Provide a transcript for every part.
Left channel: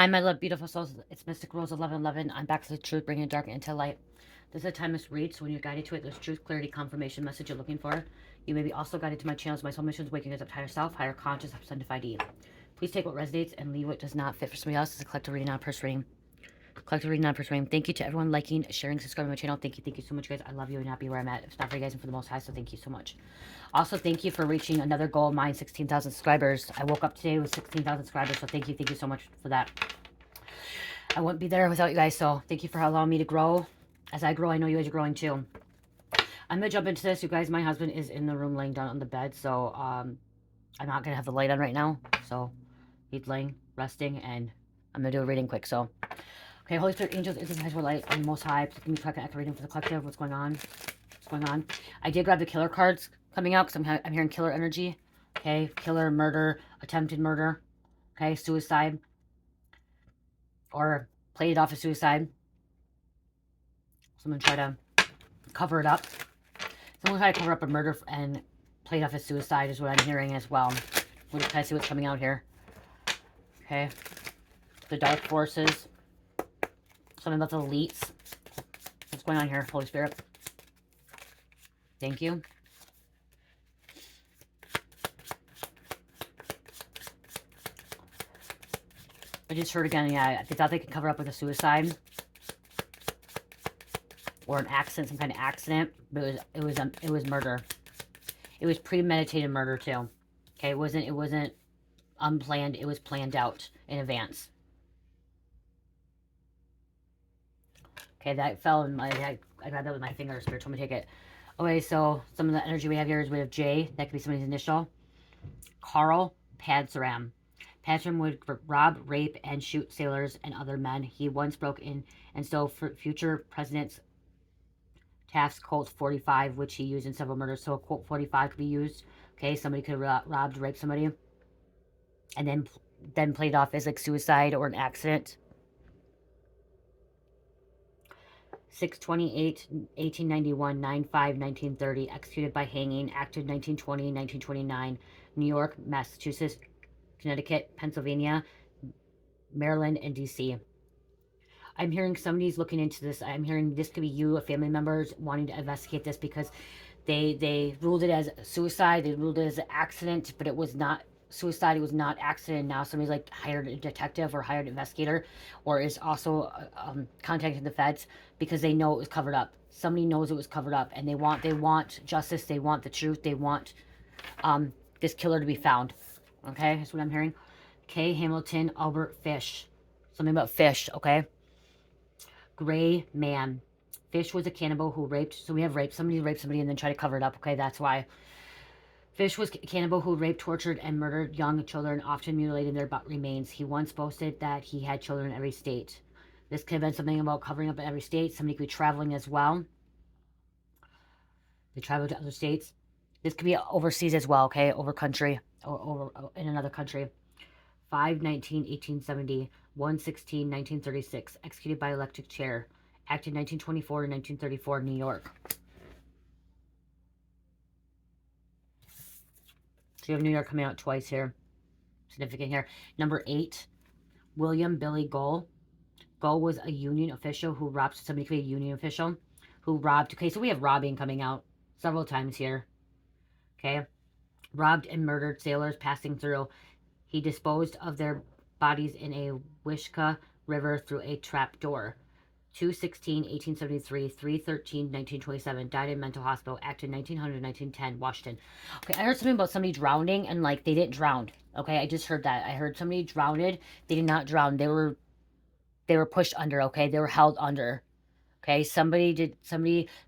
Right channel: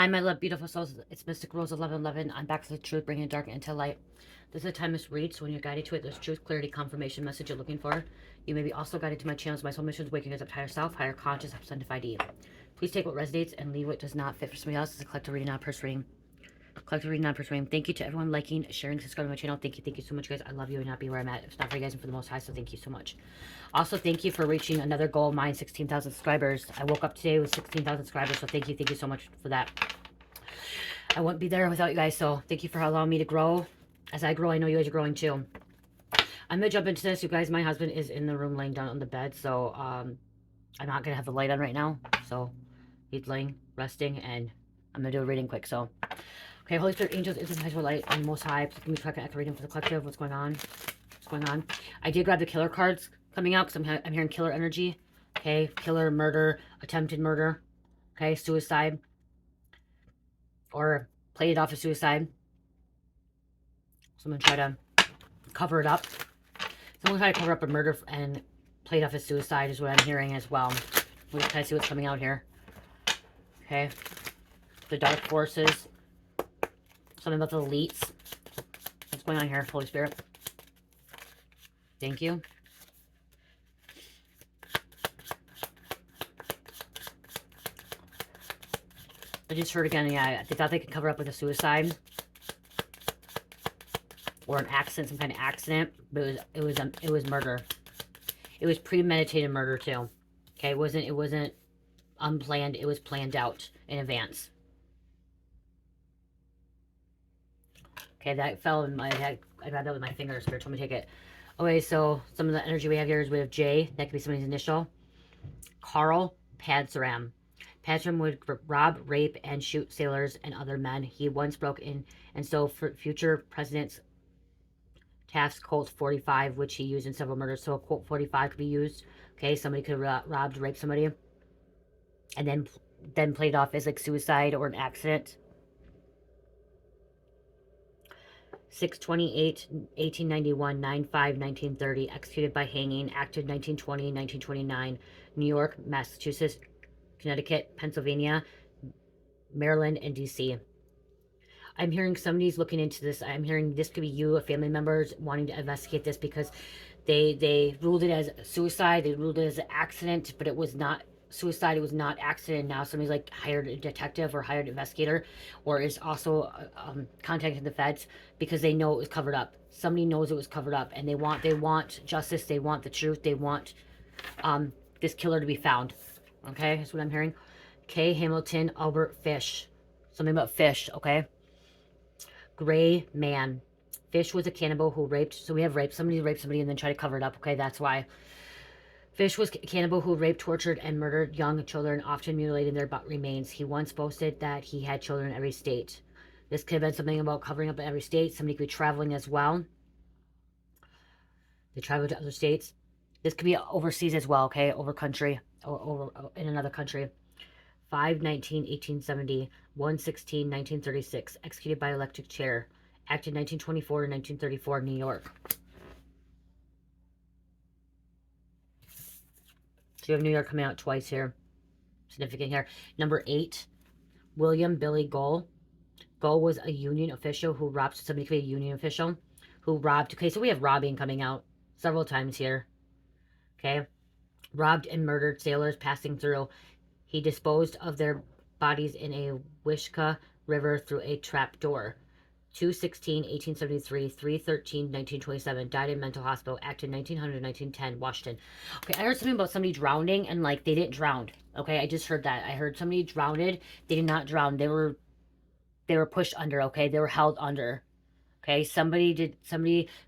Hi, my love, beautiful souls. It's Mystic Rose 1111. I'm back to the truth, bringing dark into light. This is a timeless read, so when you're guided to it, there's truth, clarity, confirmation, message you're looking for. You may be also guided to my channels, my soul missions, waking us up to higher self, higher conscious, sanctified E. Please take what resonates and leave what does not fit for somebody else. It's a collective reading, not a personal reading. Collective reading, not a personal reading. Thank you to everyone liking, sharing, subscribing to my channel. Thank you so much, guys. I love you and happy where I'm at. It's not for you guys and for the most high, so thank you so much. Also, thank you for reaching another goal of mine, 16,000 subscribers. I woke up today with 16,000 subscribers, so thank you so much for that. I wouldn't be there without you guys, so thank you for allowing me to grow. As I grow, I know you guys are growing too. I'm going to jump into this, you guys. My husband is in the room laying down on the bed, so I'm not going to have the light on right now. So he's laying, resting, and I'm going to do a reading quick. So, okay, Holy Spirit, angels, invisible light, and Most High, please give me a echo reading for the collective. What's going on? What's going on? I did grab the killer cards coming out because I'm hearing killer energy. Okay, killer, murder, attempted murder. Okay, suicide. Or play it off as suicide. Someone try to cover it up. Someone try to cover up a murder and play it off as suicide is what I'm hearing as well. Can I see what's coming out here? Okay. The dark forces. Something about the elites. What's going on here, Holy Spirit? Thank you. I just heard again, yeah, they thought they could cover up with a suicide or an accident, some kind of accident, but it was murder. It was premeditated murder too. Okay, it wasn't unplanned. It was planned out in advance. Okay, that fell in my head. I grabbed that with my fingers. Spirit told me to take it. Okay, so some of the energy we have here is we have J. That could be somebody's initial. Carl Padsaram. Padsaram would rob, rape, and shoot sailors and other men. He once broke in and stole future presidents' task Colt 45, which he used in several murders. So a Colt 45 could be used. Okay, somebody could have robbed, raped somebody, and then played off as like suicide or an accident. 6/28, 1891, 9/5, 1930, executed by hanging, acted 1920, 1929, New York, Massachusetts, Connecticut, Pennsylvania, Maryland, and DC. I'm hearing somebody's looking into this. I'm hearing this could be you, a family members wanting to investigate this because they ruled it as suicide. They ruled it as an accident, but it was not suicide. It was not accident. Now somebody's like hired a detective or hired an investigator, or is also contacting the feds because they know it was covered up. Somebody knows it was covered up, and they want justice. They want the truth. They want this killer to be found. Okay, that's what I'm hearing. K. Hamilton, Albert Fish. Something about fish. Okay. Gray man. Fish was a cannibal who raped. So we have rape. Somebody raped somebody and then tried to cover it up. Okay, that's why. Fish was a cannibal who raped, tortured, and murdered young children, often mutilating their remains. He once boasted that he had children in every state. This could have been something about covering up in every state. Somebody could be traveling as well. They travel to other states. This could be overseas as well, okay? Over country, or in another country. 5/19/1870, 1/16/1936, executed by electric chair. Acted 1924 to 1934, New York. So you have New York coming out twice here. Significant here. Number 8, William Billy Gull. Gull was a union official who robbed. Somebody could be a union official who robbed. Okay, so we have robbing coming out several times here. Okay. Robbed and murdered sailors passing through. He disposed of their bodies in a Wishkah River through a trap door. 2/16/1873, 3/13/1927, died in mental hospital, acted 1900 1910, Washington. Okay, I heard something about somebody drowning and like they didn't drown. Okay, I just heard that. I heard somebody drowned. They did not drown. They were pushed under. Okay, they were held under. Okay, somebody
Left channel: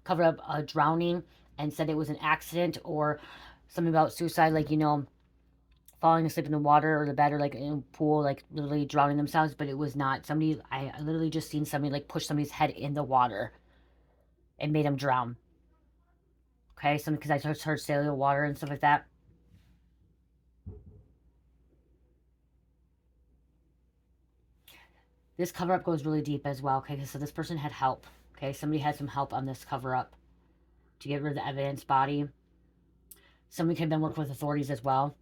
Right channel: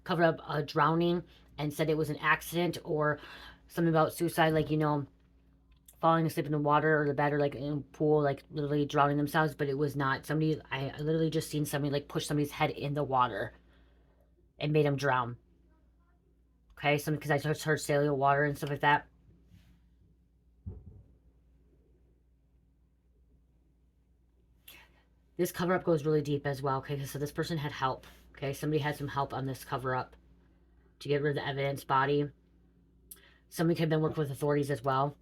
covered up a drowning and said it was an accident or something about suicide, like falling asleep in the water or the bed or like in a pool, like literally drowning themselves, but it was not. Somebody, I literally just seen somebody like push somebody's head in the water and made them drown. Okay, because I just heard saline water and stuff like that. This cover up goes really deep as well. Okay, so this person had help. Okay, somebody had some help on this cover up to get rid of the evidence body. Somebody could have been working with authorities as well.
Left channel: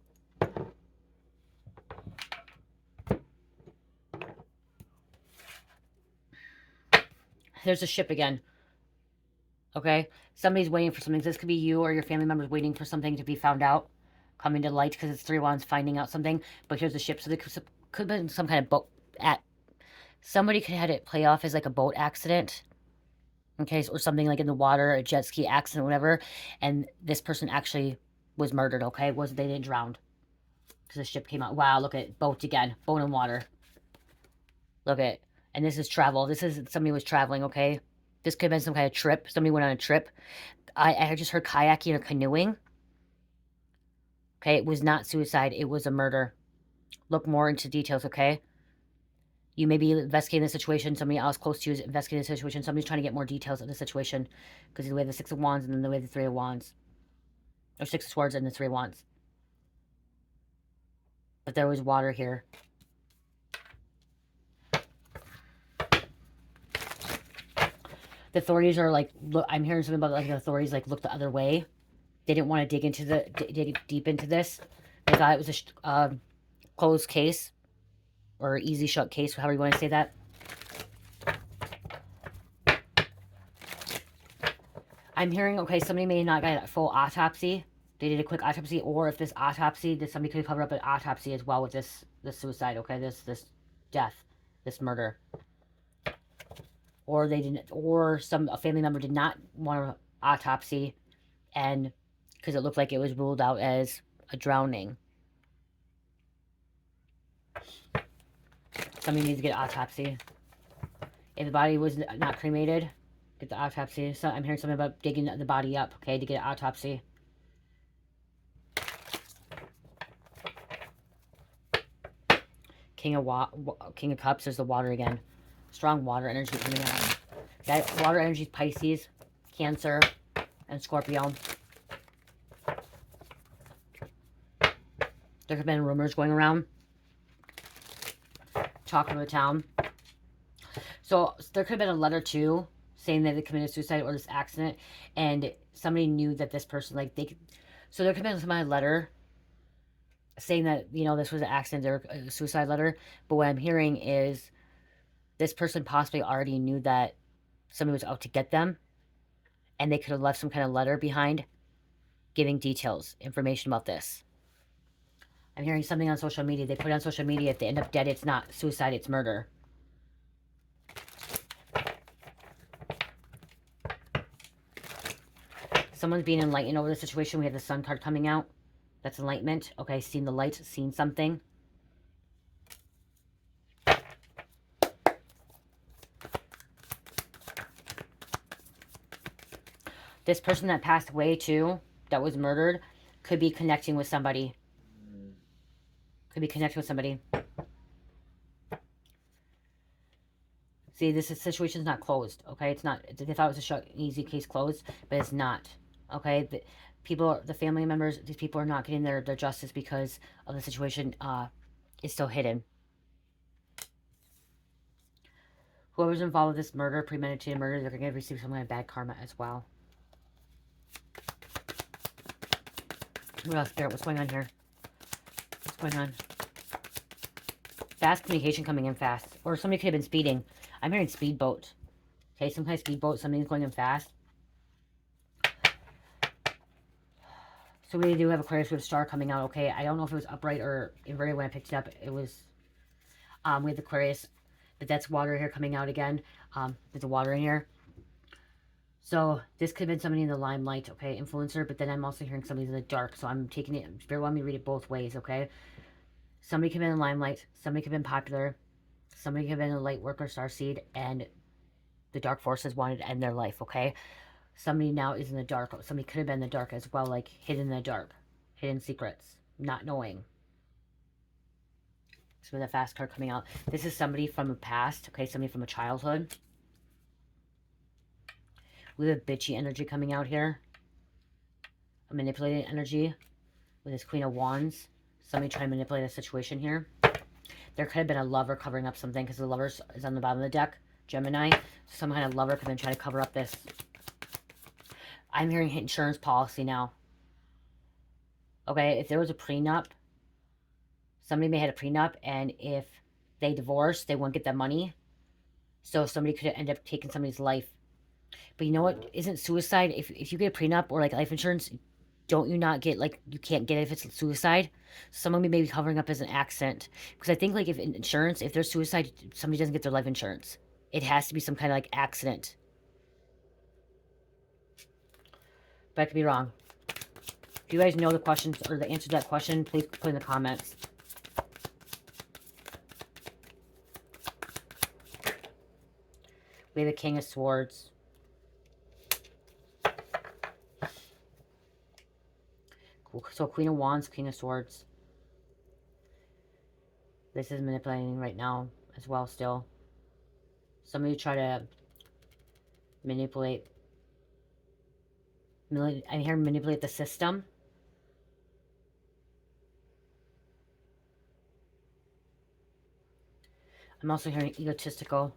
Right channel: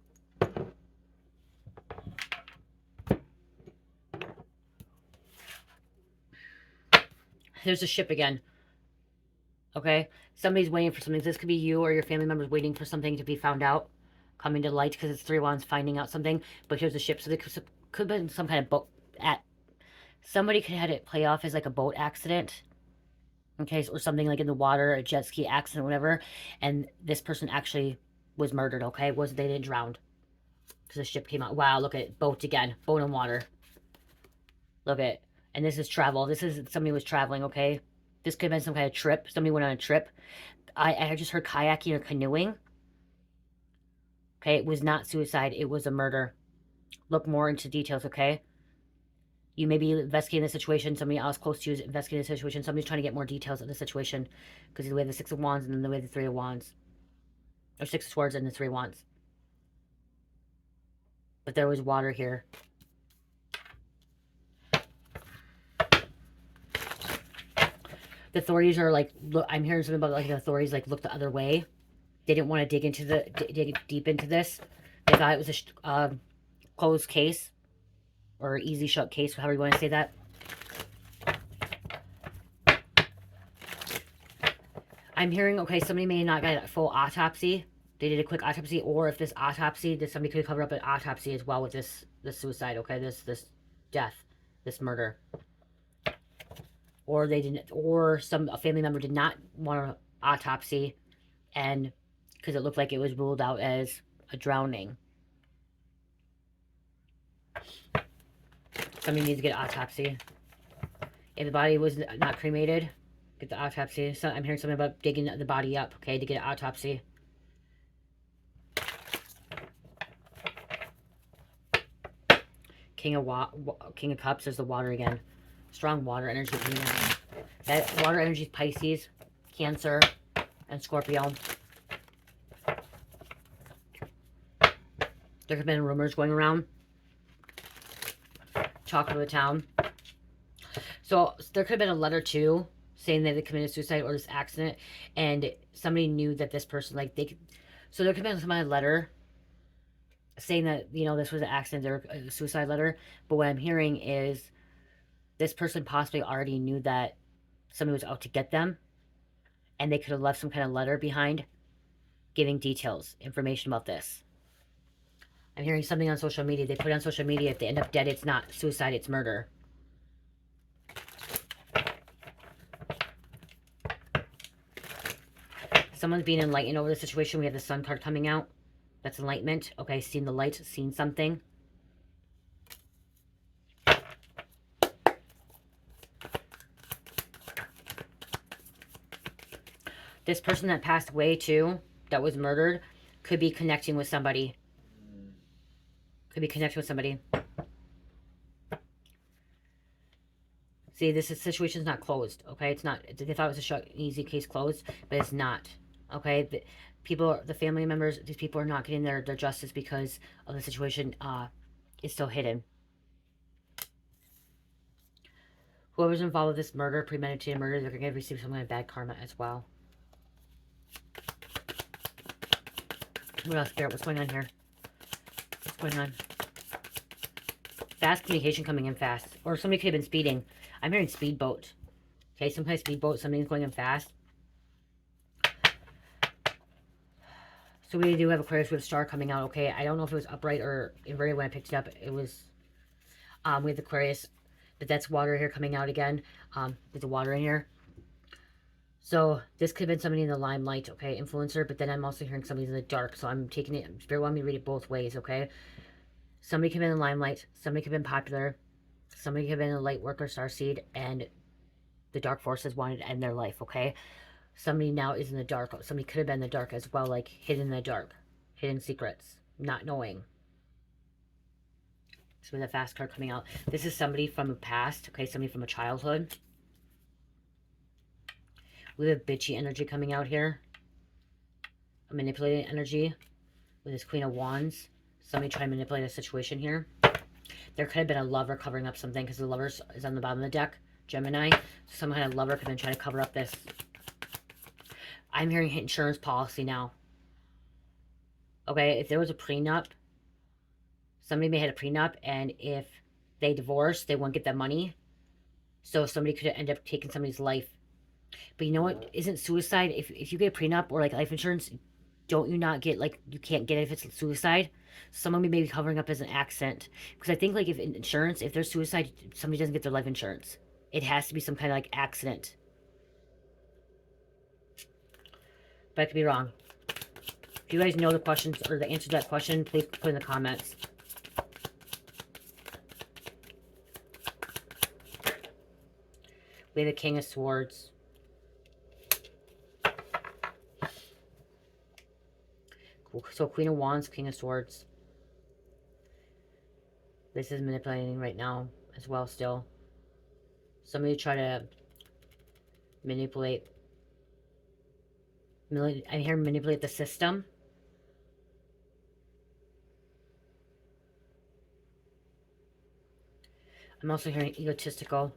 There's a ship again. Okay? Somebody's waiting for something. This could be you or your family members waiting for something to be found out, coming to light, because it's 3 wands finding out something. But here's a ship. So there could have been some kind of boat at. Somebody could have had it play off as like a boat accident. Okay, or something like in the water, a jet ski accident, whatever. And this person actually was murdered, okay? They didn't drown. Because the ship came out. Wow, look at it. Boat again. Boat and water. Look at it. And this is travel. This is somebody was traveling, okay? This could have been some kind of trip. Somebody went on a trip. I just heard kayaking or canoeing. Okay, it was not suicide. It was a murder. Look more into details, okay? You may be investigating the situation. Somebody else close to you is investigating the situation. Somebody's trying to get more details of the situation. Because the way the 6 of Wands and then the way the 3 of Wands. Or 6 of Swords and the 3 of Wands. But there was water here. The authorities are like, look, I'm hearing something about like the authorities like look the other way. They didn't want to dig deep into this. They thought it was a closed case or easy shut case, however you want to say that. I'm hearing, okay, somebody may not get a full autopsy. They did a quick autopsy, or if this autopsy, somebody could cover up an autopsy as well with this suicide, okay, this death, this murder. Or they didn't, or a family member did not want an autopsy, and because it looked like it was ruled out as a drowning. Somebody needs to get an autopsy. If the body was not cremated, get the autopsy. So I'm hearing something about digging the body up, okay, to get an autopsy. King of Cups, there's the water again. Strong water energy coming out. That water energy is Pisces, Cancer, and Scorpio. There have been rumors going around. Talking to the town. So there could have been a letter too, saying that they committed suicide or this accident, and somebody knew that this person, like, they could. So there could have been some kind of letter saying that, you know, this was an accident or a suicide letter. But what I'm hearing is this person possibly already knew that somebody was out to get them, and they could have left some kind of letter behind giving details, information about this. I'm hearing something on social media. They put it on social media. If they end up dead, it's not suicide, it's murder. Someone's being enlightened over the situation. We have the Sun card coming out. That's enlightenment. Okay, seen the light, seen something. This person that passed away too, that was murdered, could be connecting with somebody. Could be connecting with somebody. See, this situation's not closed, okay? It's not. They thought it was an easy case closed, but it's not, okay? The family members, these people are not getting their justice because of the situation is still hidden. Whoever's involved with this murder, premeditated murder, they're going to receive some kind of bad karma as well. What else, Spirit? What's going on here? What's going on? Fast communication coming in fast. Or somebody could have been speeding. I'm hearing speedboat. Okay, some kind of speedboat. Something's going in fast. So we do have Aquarius with a star coming out, okay? I don't know if it was upright or inverted when I picked it up. It was with Aquarius. But that's water here coming out again. There's a water in here. So this could have been somebody in the limelight, okay? Influencer. But then I'm also hearing somebody's in the dark. So I'm taking it. Spirit wanted me to read it both ways, okay? Somebody could have been in the limelight. Somebody could have been popular. Somebody could have been a light worker, starseed. And the dark forces wanted to end their life, okay? Somebody now is in the dark. Somebody could have been in the dark as well, like hidden in the dark. Hidden secrets. Not knowing. So with a fast card coming out. This is somebody from the past, okay? Somebody from a childhood. We have bitchy energy coming out here. A manipulating energy. With this Queen of Wands. Somebody trying to manipulate a situation here. There could have been a lover covering up something because the lover is on the bottom of the deck. Gemini. Some kind of lover could have been trying to cover up this. I'm hearing insurance policy now. Okay, if there was a prenup, somebody may have had a prenup, and if they divorced, they won't get that money. So somebody could end up taking somebody's life. But you know what? Isn't suicide, if you get a prenup or like life insurance, don't you not get, like, you can't get it if it's suicide? Someone may be covering up as an accident. Because I think, like, if in insurance, if there's suicide, somebody doesn't get their life insurance. It has to be some kind of like accident. But I could be wrong. If you guys know the questions or the answer to that question, please put in the comments. We have the King of Swords. So Queen of Wands, King of Swords. This is manipulating right now as well still. Somebody try to manipulate. I hear manipulate the system. I'm also hearing egotistical.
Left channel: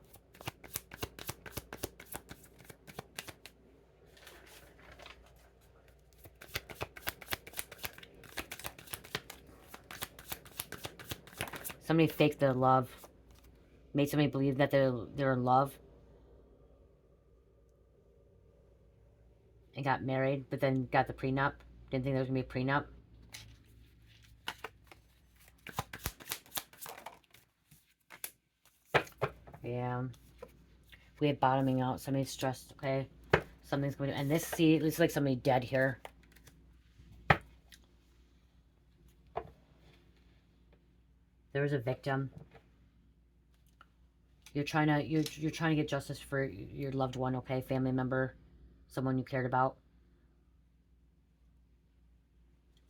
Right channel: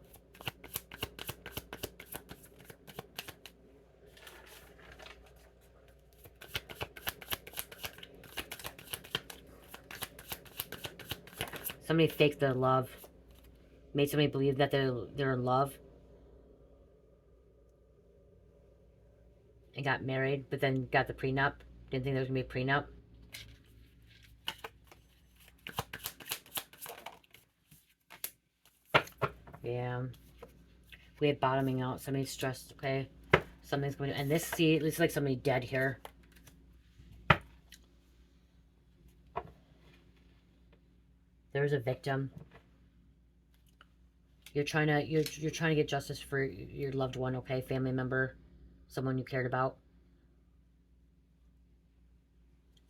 Somebody faked their love. Made somebody believe that they're in love. And got married, but then got the prenup. Didn't think there was going to be a prenup. Yeah. We have bottoming out. Somebody's stressed, okay? Something's going to... And this, see, it looks like somebody dead here. There's a victim. You're trying to get justice for your loved one, okay? Family member, someone you cared about.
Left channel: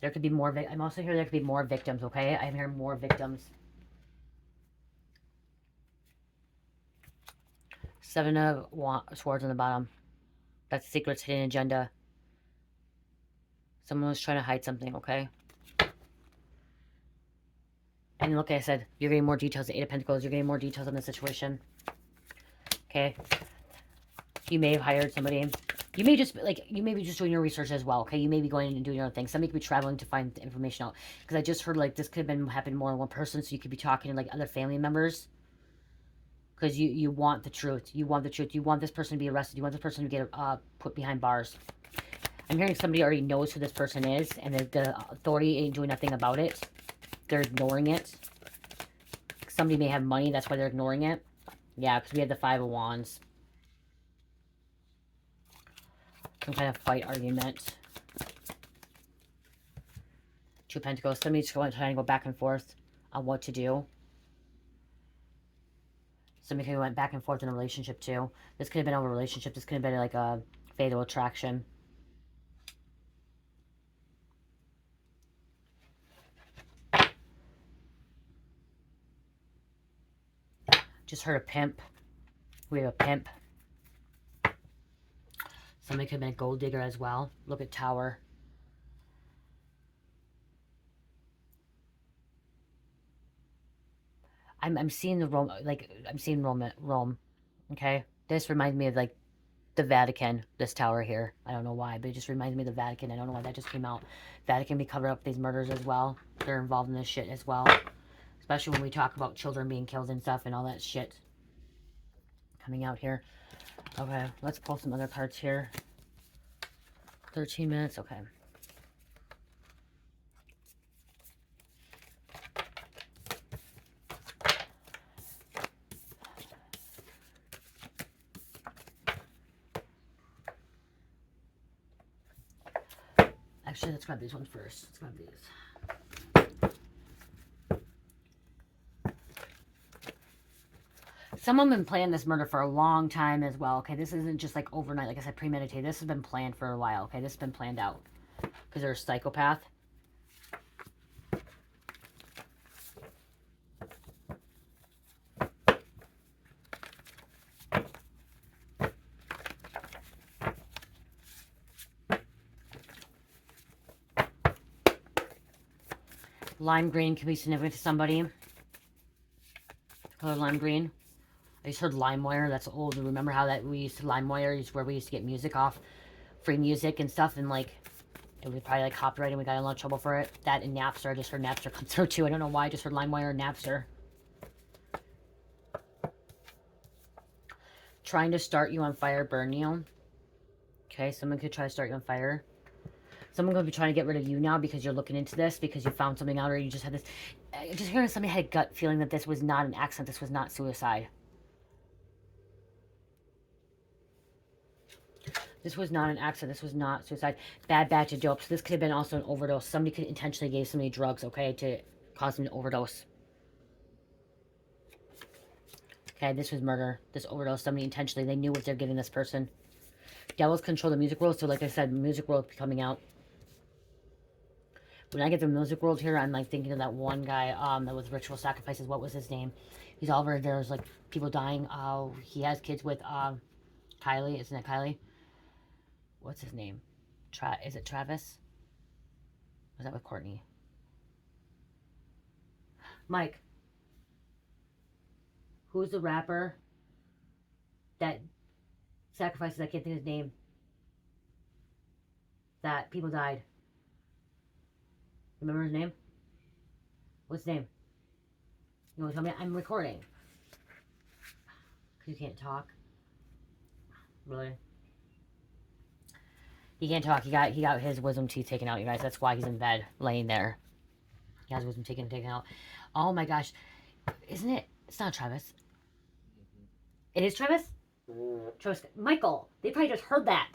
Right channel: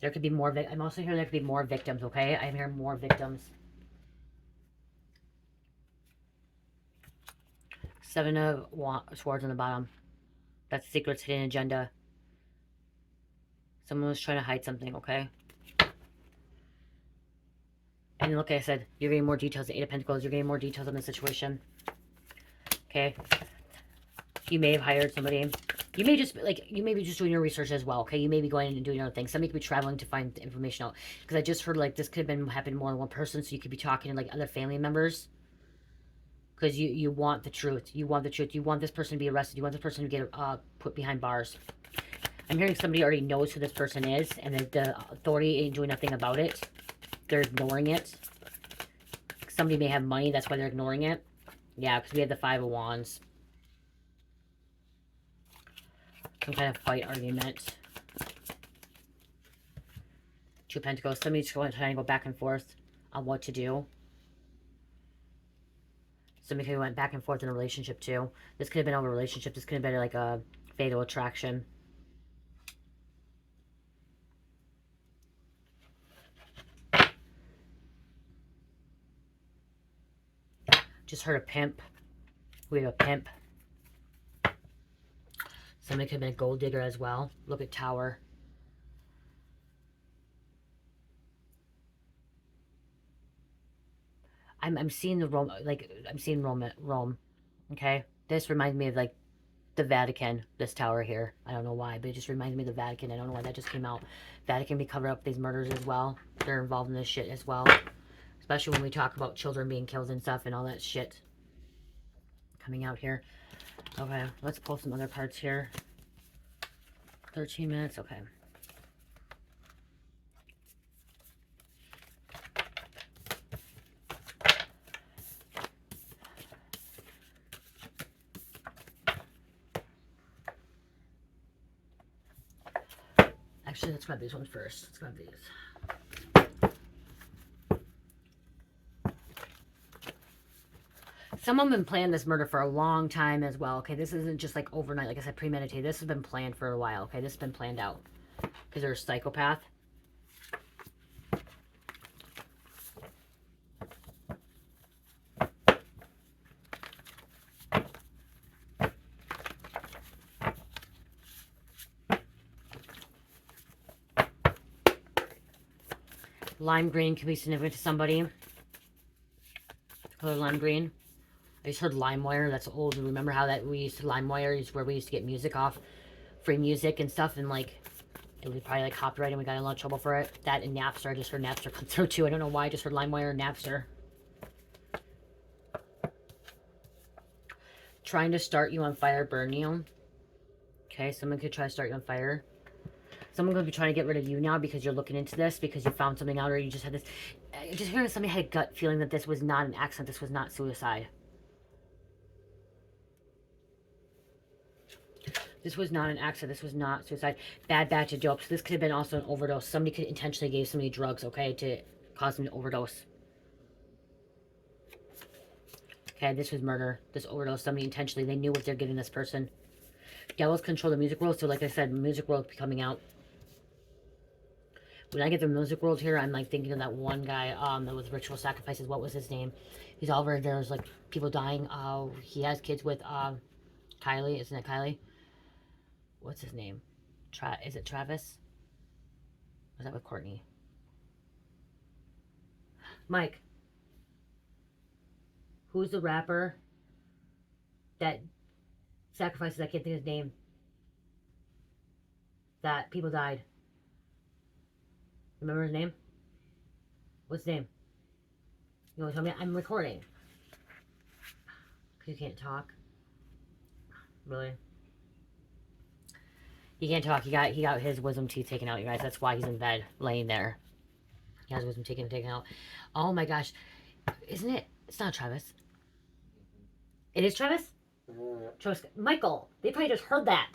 There could be more. I'm also hearing there could be more victims, okay? I'm hearing more victims. 7 of Swords on the bottom. That's secrets, hidden agenda. Someone was trying to hide something, okay? And look, I said, you're getting more details. The 8 of Pentacles, you're getting more details on the situation. Okay? You may have hired somebody. You may just, like, you may be just doing your research as well, okay? You may be going and doing your own thing. Somebody could be traveling to find information out. Because I just heard, like, this could have happened more than one person, so you could be talking to, like, other family members. Because you want the truth. You want the truth. You want this person to be arrested. You want this person to get put behind bars. I'm hearing somebody already knows who this person is, and the authority ain't doing nothing about it. They're ignoring it. Somebody may have money, that's why they're ignoring it. Yeah, because we have the 5 of Wands. Some kind of fight argument. 2 Pentacles. Somebody's trying to go back and forth on what to do. Somebody who went back and forth in a relationship too. This could have been a relationship. This could have been like a fatal attraction. Just heard a pimp. We have a pimp. Somebody could have been a gold digger as well. Look at Tower. I'm seeing the Rome, like, I'm seeing Rome. Okay? This reminds me of, like, the Vatican, this tower here. I don't know why, but it just reminds me of the Vatican. I don't know why that just came out. Vatican be cover up these murders as well. They're involved in this shit as well. Especially when we talk about children being killed and stuff and all that shit coming out here. Okay, let's pull some other cards here. 13 minutes, okay. Actually, let's grab these ones first. Let's grab these. Someone been planning this murder for a long time as well, okay? This isn't just like overnight, like I said, premeditated. This has been planned for a while, okay? This has been planned out. Because they're a psychopath. Lime green can be significant to somebody. Color lime green. I just heard LimeWire. That's old. Remember how that we used to LimeWire is where we used to get music off, free music and stuff, and like it was probably like copyright, and we got in a lot of trouble for it. That and Napster. I just heard Napster come through too. I don't know why. I just heard LimeWire and Napster. trying to start you on fire, burn you. Okay, someone could try to start you on fire. Someone could be trying to get rid of you now because you're looking into this, because you found something out, or you just had this. Just hearing somebody had a gut feeling that this was not an accident, this was not suicide. This was not an accident. This was not suicide. Bad batch of dope. So this could have been also an overdose. Somebody could intentionally give somebody drugs, okay, to cause them to overdose. Okay, this was murder. This overdose. Somebody intentionally. They knew what they're giving this person. Devils control the music world. So like I said, music world coming out. When I get the music world here, I'm like thinking of that one guy that was ritual sacrifices. What was his name? He's all over. There's like people dying. He has kids with Kylie. Isn't it Kylie? What's his name? Is it Travis? Or is that with Courtney? Mike. Who's the rapper that sacrifices? I can't think of his name. That people died. Remember his name? What's his name? You want to tell me? I'm recording. You can't talk. Really? He can't talk. He got his wisdom teeth taken out, you guys. That's why he's in bed, laying there. He has wisdom teeth taken out. Oh my gosh. Isn't it? It's not Travis. It is Travis? Travis. Michael. They probably just heard that.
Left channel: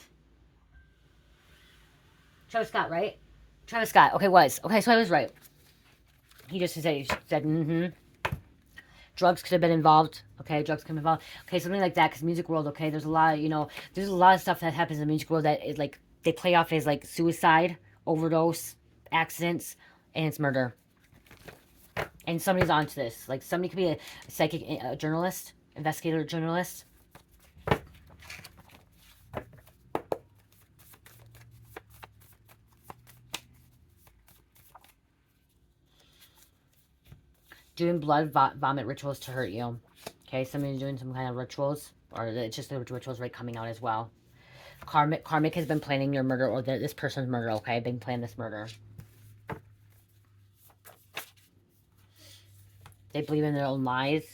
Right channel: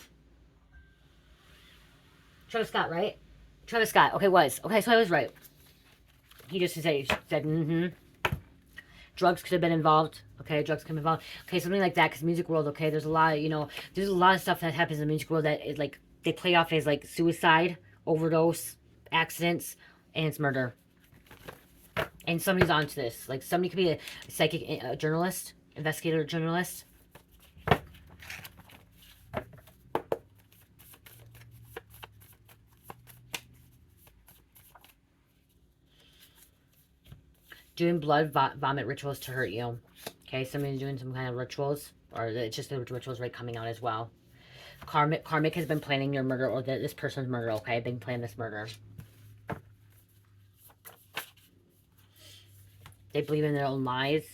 Travis Scott, right? Travis Scott. Okay, was. Okay, so I was right. He just said mm-hmm. Drugs could have been involved. Okay, drugs could have been involved. Okay, something like that, because music world, okay, there's a lot of, there's a lot of stuff that happens in the music world that is like, they play off as like suicide, overdose, accidents, and it's murder. And somebody's onto this. Like, somebody could be a psychic journalist, investigator journalist. Doing blood vomit rituals to hurt you. Okay, somebody's doing some kind of rituals, or it's just the rituals right coming out as well. Karmic has been planning your murder, or this person's murder, okay? Been planning this murder. They believe in their own lies.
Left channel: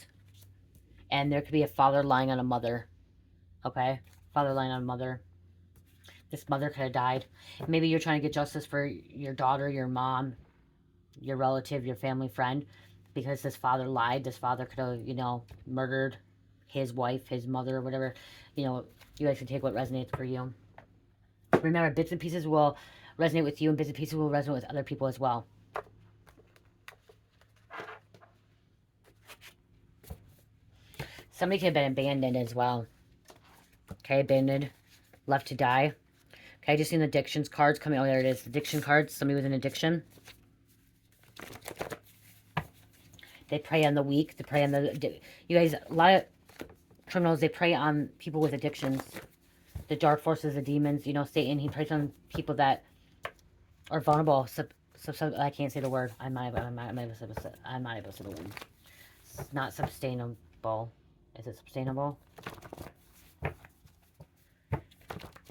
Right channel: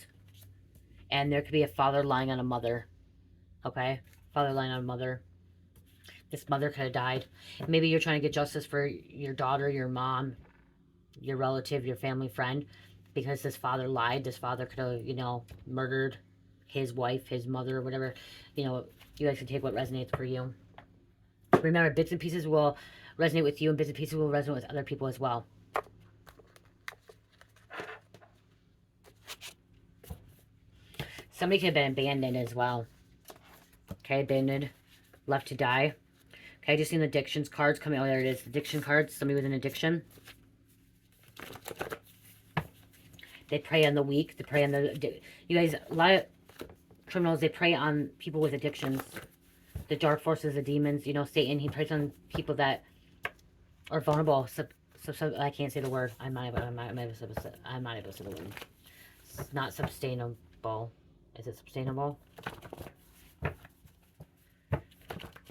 And there could be a father lying on a mother. Okay? Father lying on a mother. This mother could have died. Maybe you're trying to get justice for your daughter, your mom, your relative, your family friend. Because this father lied. This father could have, murdered his wife, his mother, whatever. You guys can take what resonates for you. Remember, bits and pieces will resonate with you, and bits and pieces will resonate with other people as well. Somebody could have been abandoned as well. Okay, abandoned, left to die. Okay, I just seen the addictions cards coming. Oh, there it is. Addiction cards. Somebody with an addiction. They prey on the weak. They prey on the... You guys, a lot of criminals, they prey on people with addictions. The dark forces, the demons, Satan, he preys on people that are vulnerable. I can't say the word. I'm not able to say the word. It's not sustainable. Is it sustainable?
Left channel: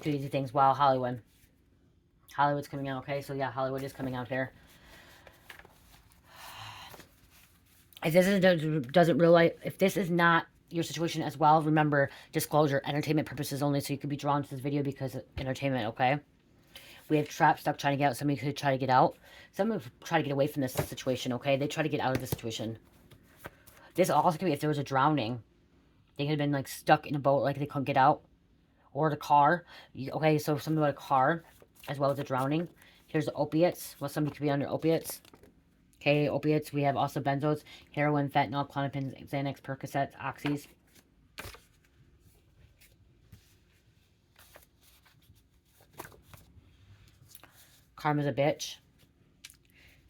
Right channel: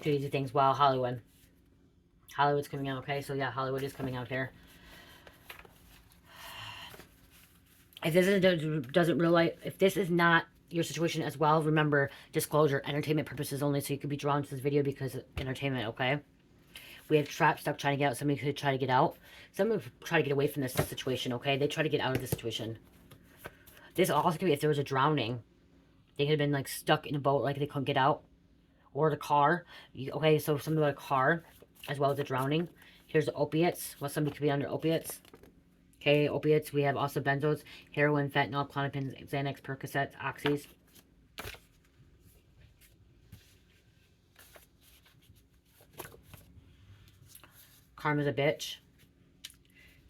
Too easy things. Wow, Hollywood. Hollywood's coming out, okay? So yeah, Hollywood is coming out here. If this is not your situation as well, remember, disclosure, entertainment purposes only, so you could be drawn to this video because of entertainment, okay? We have trapped, stuck, trying to get out. Somebody could try to get out. Somebody would try to get away from this situation, okay? They try to get out of this situation. This also could be if there was a drowning. They could have been, like, stuck in a boat, like they couldn't get out. Or the car. Okay, so something about a car, as well as a drowning. Here's the opiates. Well, somebody could be under opiates. Okay, opiates. We have also benzos, heroin, fentanyl, clonopins, Xanax, Percocets, oxys. Karma's a bitch.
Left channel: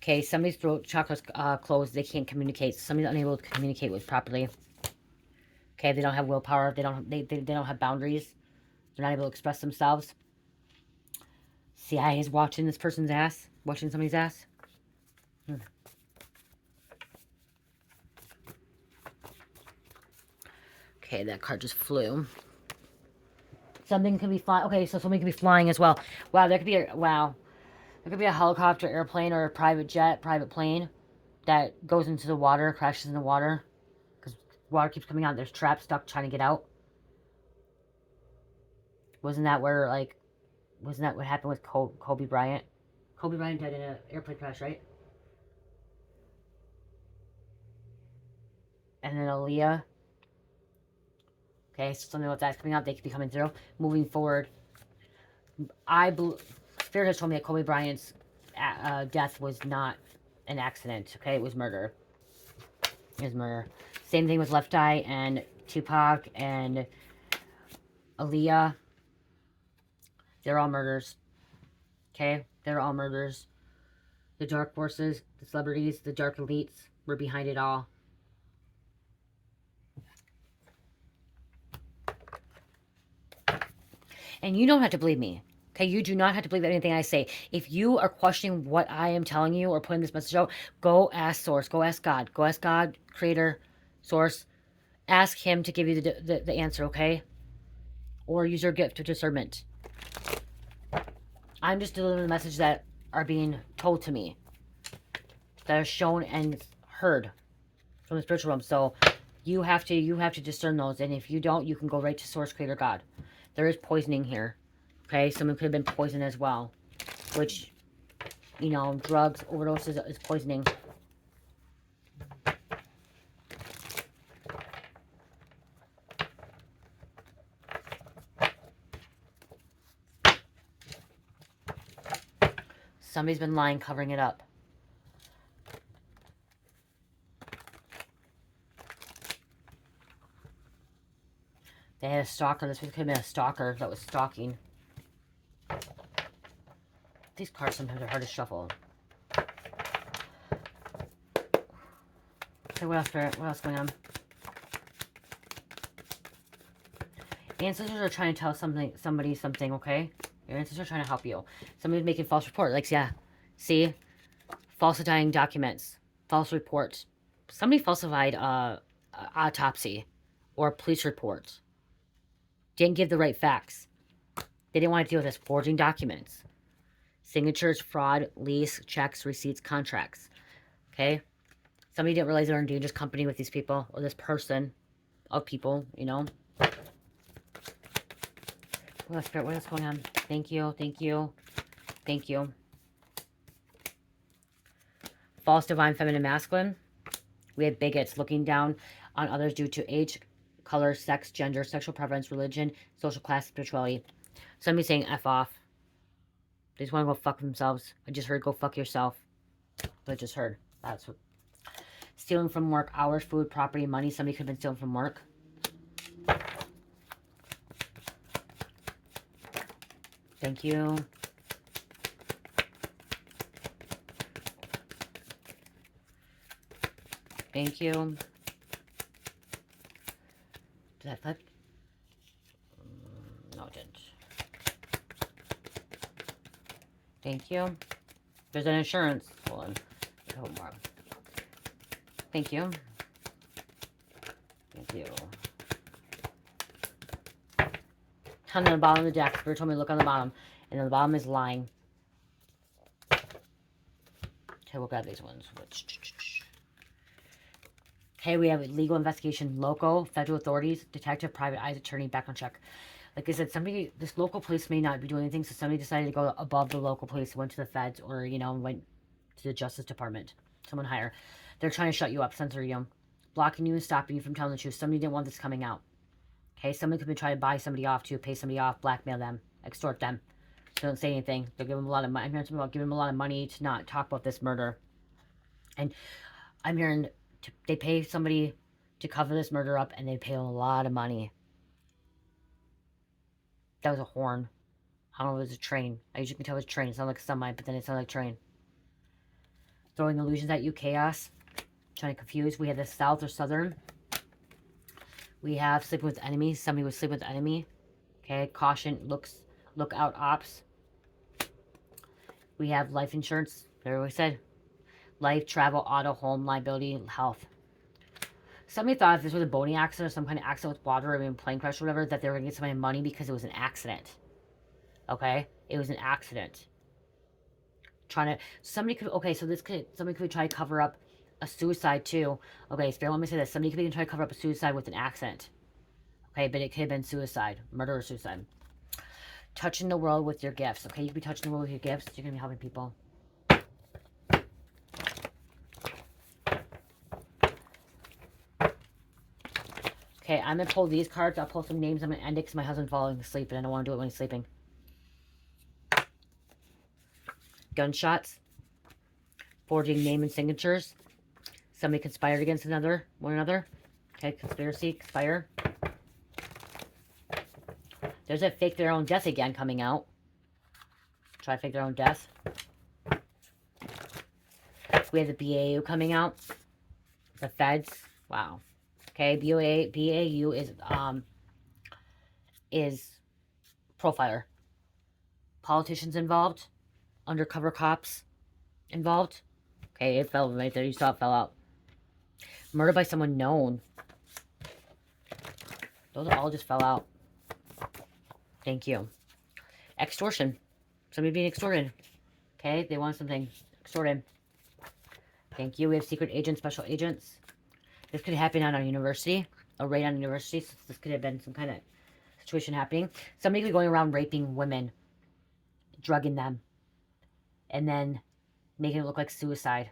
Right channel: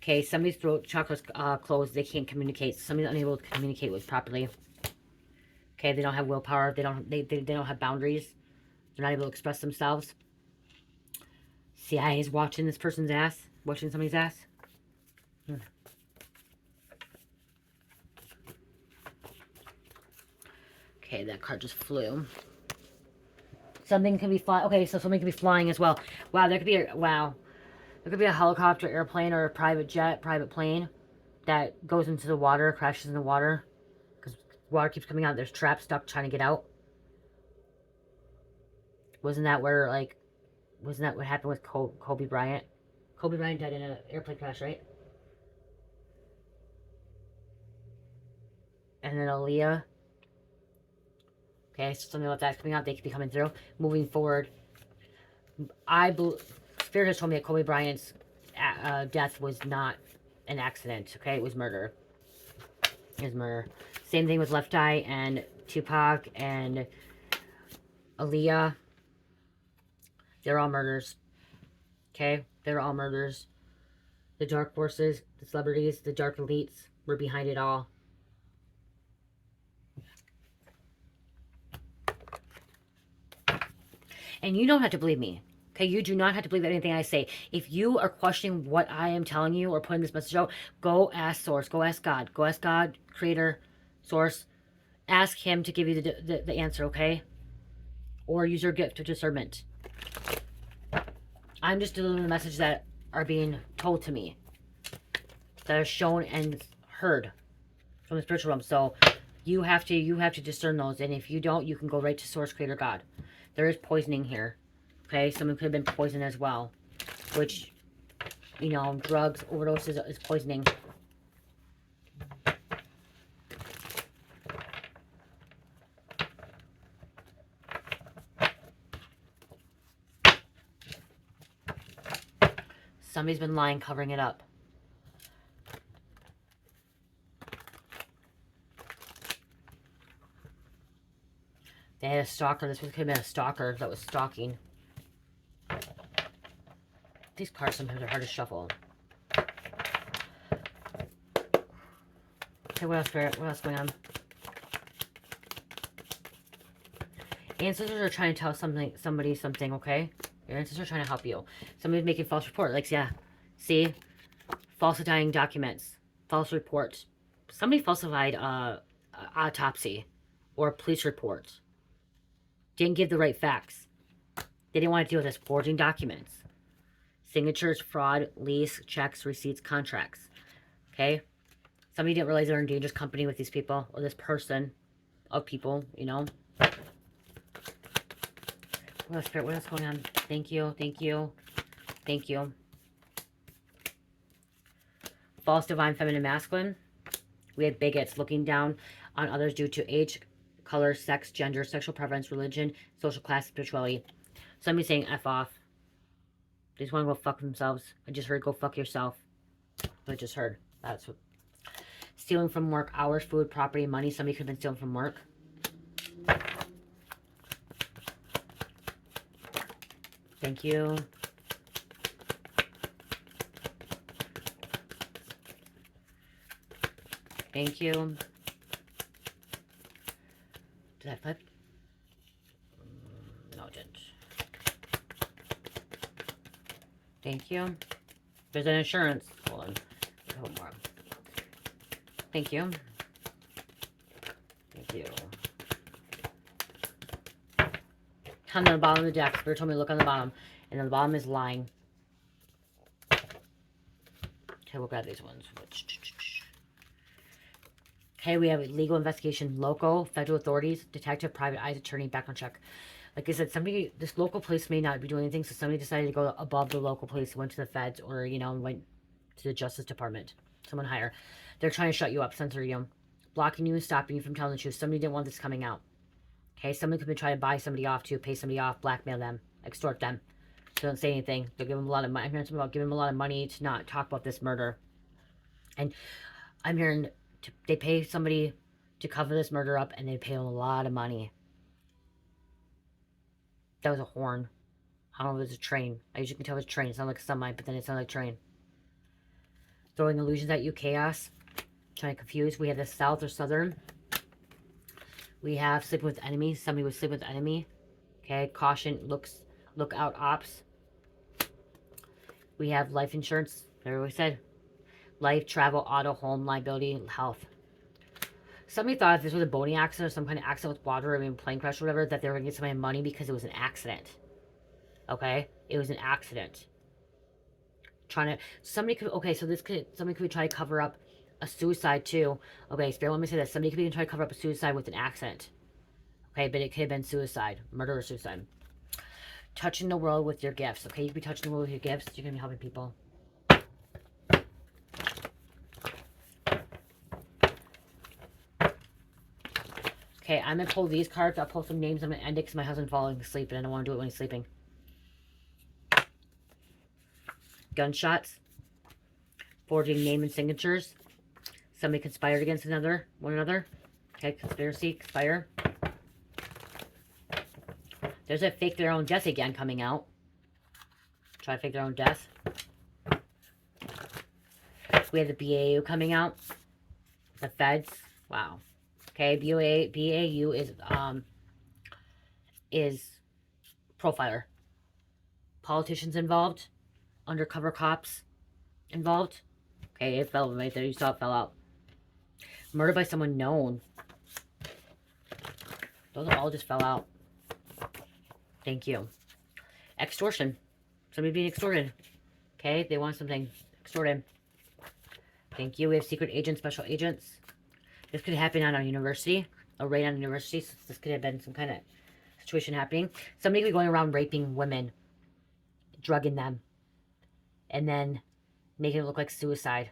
Okay, somebody's throat chakra's closed. They can't communicate. Somebody's unable to communicate with properly. Okay, they don't have willpower. They don't have boundaries. They're not able to express themselves. CIA is watching this person's ass. Watching somebody's ass. Okay, that card just flew. Something can be flying. Okay, so something can be flying as well. Wow, there could be a helicopter, airplane, or a private jet, private plane that goes into the water, crashes in the water, because water keeps coming out. There's traps stuck trying to get out. Wasn't that where, like, wasn't that what happened with Kobe Bryant? Kobe Bryant died in an airplane crash, right? And then Aaliyah. Okay, so something about that coming up. They could be coming through. Moving forward, Spirit has told me that Kobe Bryant's death was not an accident. Okay, it was murder. It was murder. Same thing with Left Eye and Tupac and Aaliyah. They're all murders. Okay, they're all murders. The dark forces, the celebrities, the dark elites were behind it all. And you don't have to believe me. Okay, you do not have to believe anything I say. If you are questioning what I am telling you or putting this message out, go ask Source. Go ask God. Go ask God, Creator, Source. Ask Him to give you the answer, okay? Or use your gift of discernment. I'm just delivering the messages that are being told to me, that are shown and heard from the spiritual realm. So you have to discern those. And if you don't, you can go right to Source, Creator, God. There is poisoning here. Okay, someone could have been poisoned as well, which, you know, drugs, overdoses is poisoning. Somebody's been lying, covering it up. They had a stalker. This could have been a stalker that was stalking. These cards sometimes are hard to shuffle. Okay, what else, Spirit? What else going on? Ancestors are trying to tell somebody something, okay? Your ancestors are trying to help you. Somebody's making false report. Like, yeah, see? Falsifying documents. False reports. Somebody falsified autopsy or police report. Didn't give the right facts. They didn't want to deal with this. Forging documents. Signatures, fraud, lease, checks, receipts, contracts. Okay? Somebody didn't realize they're in dangerous company with these people, or this person of people, you know? What else, Spirit? What else going on? Thank you, thank you, thank you. False divine feminine masculine. We have bigots looking down on others due to age, color, sex, gender, sexual preference, religion, social class, spirituality. Somebody saying F off. They just want to go fuck themselves. I just heard go fuck yourself. I just heard. That's what. Stealing from work, hours, food, property, money. Somebody could have been stealing from work. Thank you. Thank you. Did that flip? No, it didn't. Thank you. There's an insurance. Hold on. A couple more. Thank you. Thank you. On the bottom of the deck, Spirit told me to look on the bottom. And the bottom is lying. Okay, we'll grab these ones. Okay, we have a legal investigation, local, federal authorities, detective, private eyes, attorney, background check. Like I said, this local police may not be doing anything, so somebody decided to go above the local police, went to the feds, or, you know, went to the Justice Department. Someone higher. They're trying to shut you up, censor you, blocking you and stopping you from telling the truth. Somebody didn't want this coming out. Okay, somebody could be trying to buy somebody off to pay somebody off, blackmail them, extort them. They don't say anything. They'll give them a lot of money. I'm hearing something about giving them a lot of money to not talk about this murder. And I'm hearing they pay somebody to cover this murder up, and they pay them a lot of money. That was a horn. I don't know if it was a train. I usually can tell it was a train. It sounded like a semi, but then it sounded like a train. Throwing illusions at you, chaos. Trying to confuse. We have the south or southern. We have sleeping with enemies. Somebody was sleeping with enemy. Okay, caution, look out, ops. We have life insurance. There we said. Life, travel, auto, home, liability, health. Somebody thought if this was a boating accident or some kind of accident with water or even plane crash or whatever, that they were going to get somebody money because it was an accident. Okay? It was an accident. Somebody could try to cover up a suicide too. Okay, Spirit, let me say this. Somebody could be trying to cover up a suicide with an accident. Okay, but it could have been suicide. Murder or suicide. touching the world with your gifts, okay? You can be touching the world with your gifts. You're going to be helping people. Okay, I'm going to pull these cards. I'll pull some names. I'm going to end it because my husband's falling asleep and I don't want to do it when he's sleeping. Gunshots. Forging name and signatures. Somebody conspired against one another. Okay, conspiracy, conspire. There's a fake their own death again coming out. Try to fake their own death. We have the BAU coming out. The feds. Wow. Okay, BAU is profiler. Politicians involved. Undercover cops involved. Okay, it fell right there. You saw it fell out. Murder by someone known. Those all just fell out. Thank you. Extortion. Somebody being extorted. Okay, they want something extorted. Thank you. We have secret agents, special agents. This could happen on a university. A raid on a university. So this could have been some kind of situation happening. Somebody could be going around raping women. Drugging them. And then making it look like suicide.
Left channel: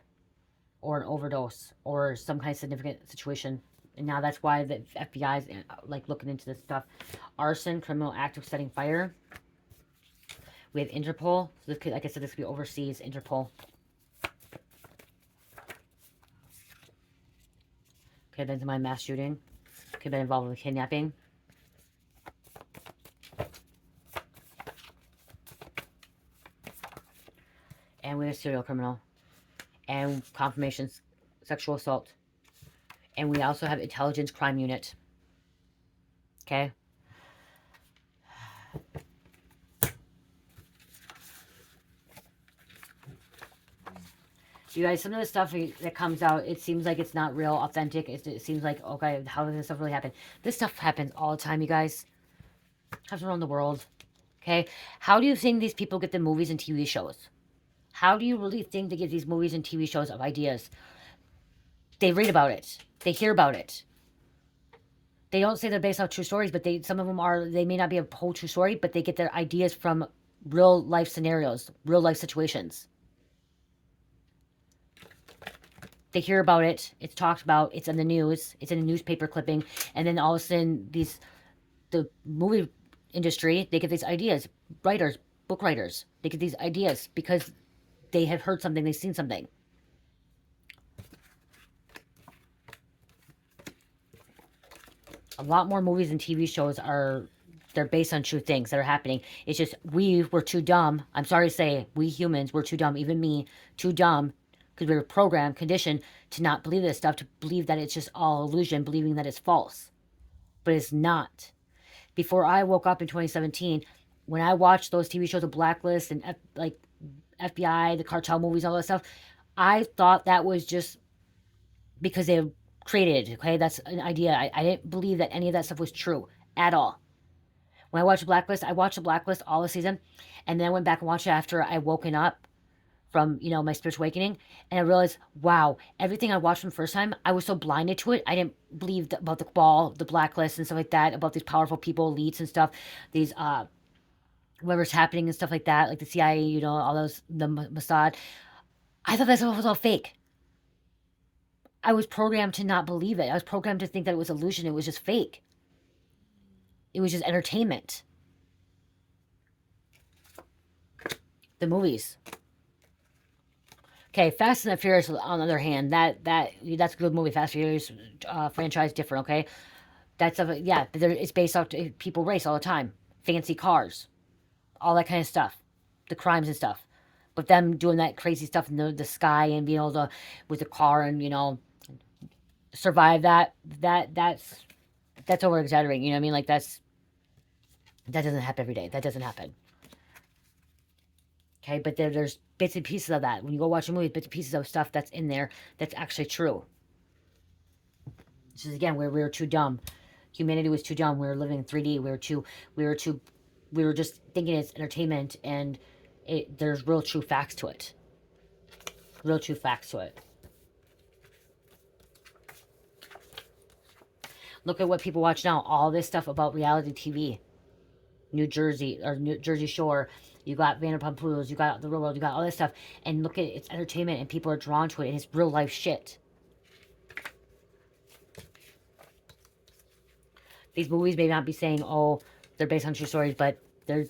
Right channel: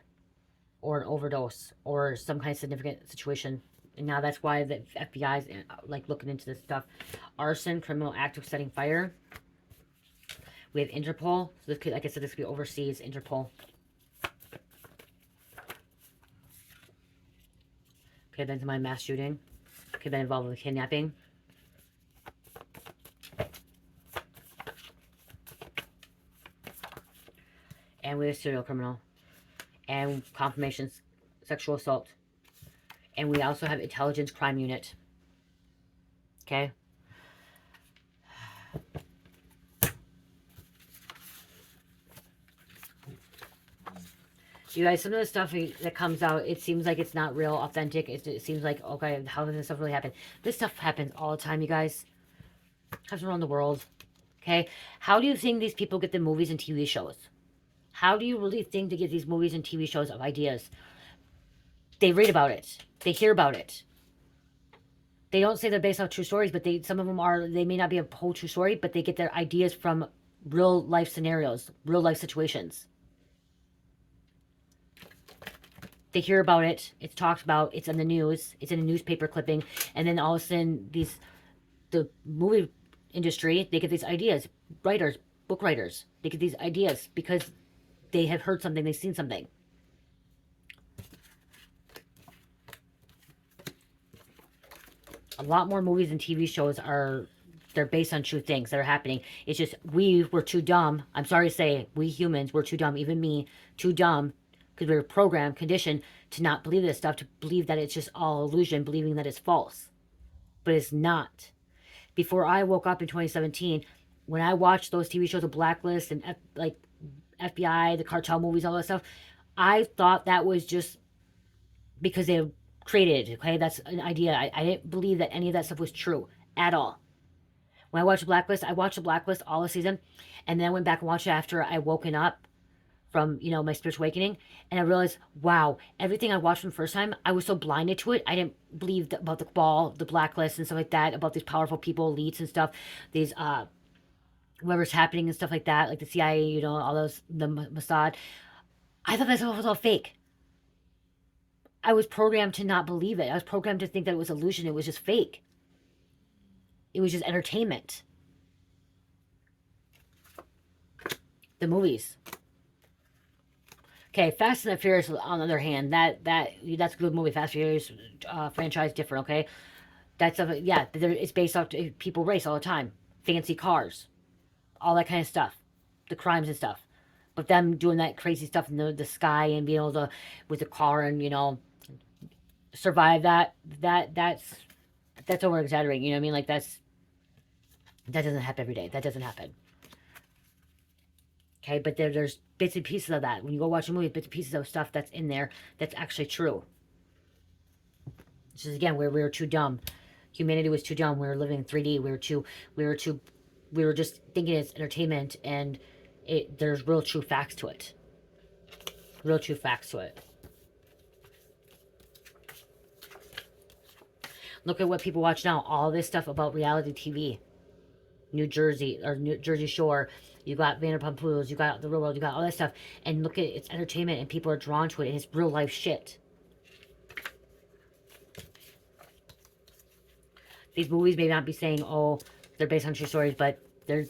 Or an overdose. Or some kind of significant situation. And now that's why the FBI is like looking into this stuff. Arson, criminal act of setting fire. We have Interpol. So this could, like I said, this could be overseas. Interpol. Could have been somebody mass shooting. Could have been involved with kidnapping. And we have serial criminal. And confirmations. Sexual assault. And we also have intelligence crime unit. Okay. You guys, some of the stuff that comes out, it seems like it's not real, authentic. It seems like, okay, how does this stuff really happen? This stuff happens all the time, you guys. Happens around the world. Okay? How do you think these people get the movies and TV shows? How do you really think they get these movies and TV shows of ideas? They read about it. They hear about it. They don't say they're based off true stories, but some of them are, they may not be a whole true story, but they get their ideas from real life scenarios, real life situations. They hear about it, it's talked about, it's in the news, it's in a newspaper clipping, and then all of a sudden, the movie industry, they get these ideas. Writers, book writers, they get these ideas because they have heard something, they've seen something. A lot more movies and TV shows they're based on true things that are happening. It's just, we were too dumb. I'm sorry to say, we humans were too dumb, even me, too dumb, because we were programmed, conditioned to not believe this stuff, to believe that it's just all illusion, believing that it's false. But it's not. Before I woke up in 2017, when I watched those TV shows of Blacklist and like FBI, the cartel movies, all that stuff, I thought that was just because they created, okay? That's an idea. I didn't believe that any of that stuff was true at all. When I watched Blacklist, I watched the Blacklist all the season, and then I went back and watched it after I woken up from, you know, my spiritual awakening, and I realized, wow, everything I watched from the first time, I was so blinded to it. I didn't believe about the ball, the Blacklist and stuff like that, about these powerful people, elites and stuff, these, whatever's happening and stuff like that, like the CIA, you know, all those, the Mossad. I thought that stuff was all fake. I was programmed to not believe it. I was programmed to think that it was illusion. It was just fake. It was just entertainment. The movies. Okay, Fast and the Furious, on the other hand, that's a good movie. Fast and Furious franchise, different, okay? Yeah, it's based off people race all the time. Fancy cars. All that kind of stuff. The crimes and stuff. But them doing that crazy stuff in the sky and being able to, with the car and, you know, survive that's over exaggerating, you know what I mean? Like, that doesn't happen every day. That doesn't happen. Okay, but there's bits and pieces of that. When you go watch a movie, bits and pieces of stuff that's in there that's actually true. This is, again, where we were too dumb. Humanity was too dumb. We were living in 3D. We were just thinking it's entertainment, and there's real true facts to it. Real true facts to it. Look at what people watch now. All this stuff about reality TV. New Jersey, or New Jersey Shore. You got Vanderpump Rules, you got The Real World, you got all this stuff. And look at it, it's entertainment and people are drawn to it and it's real life shit. These movies may not be saying, oh, they're based on true stories, but there's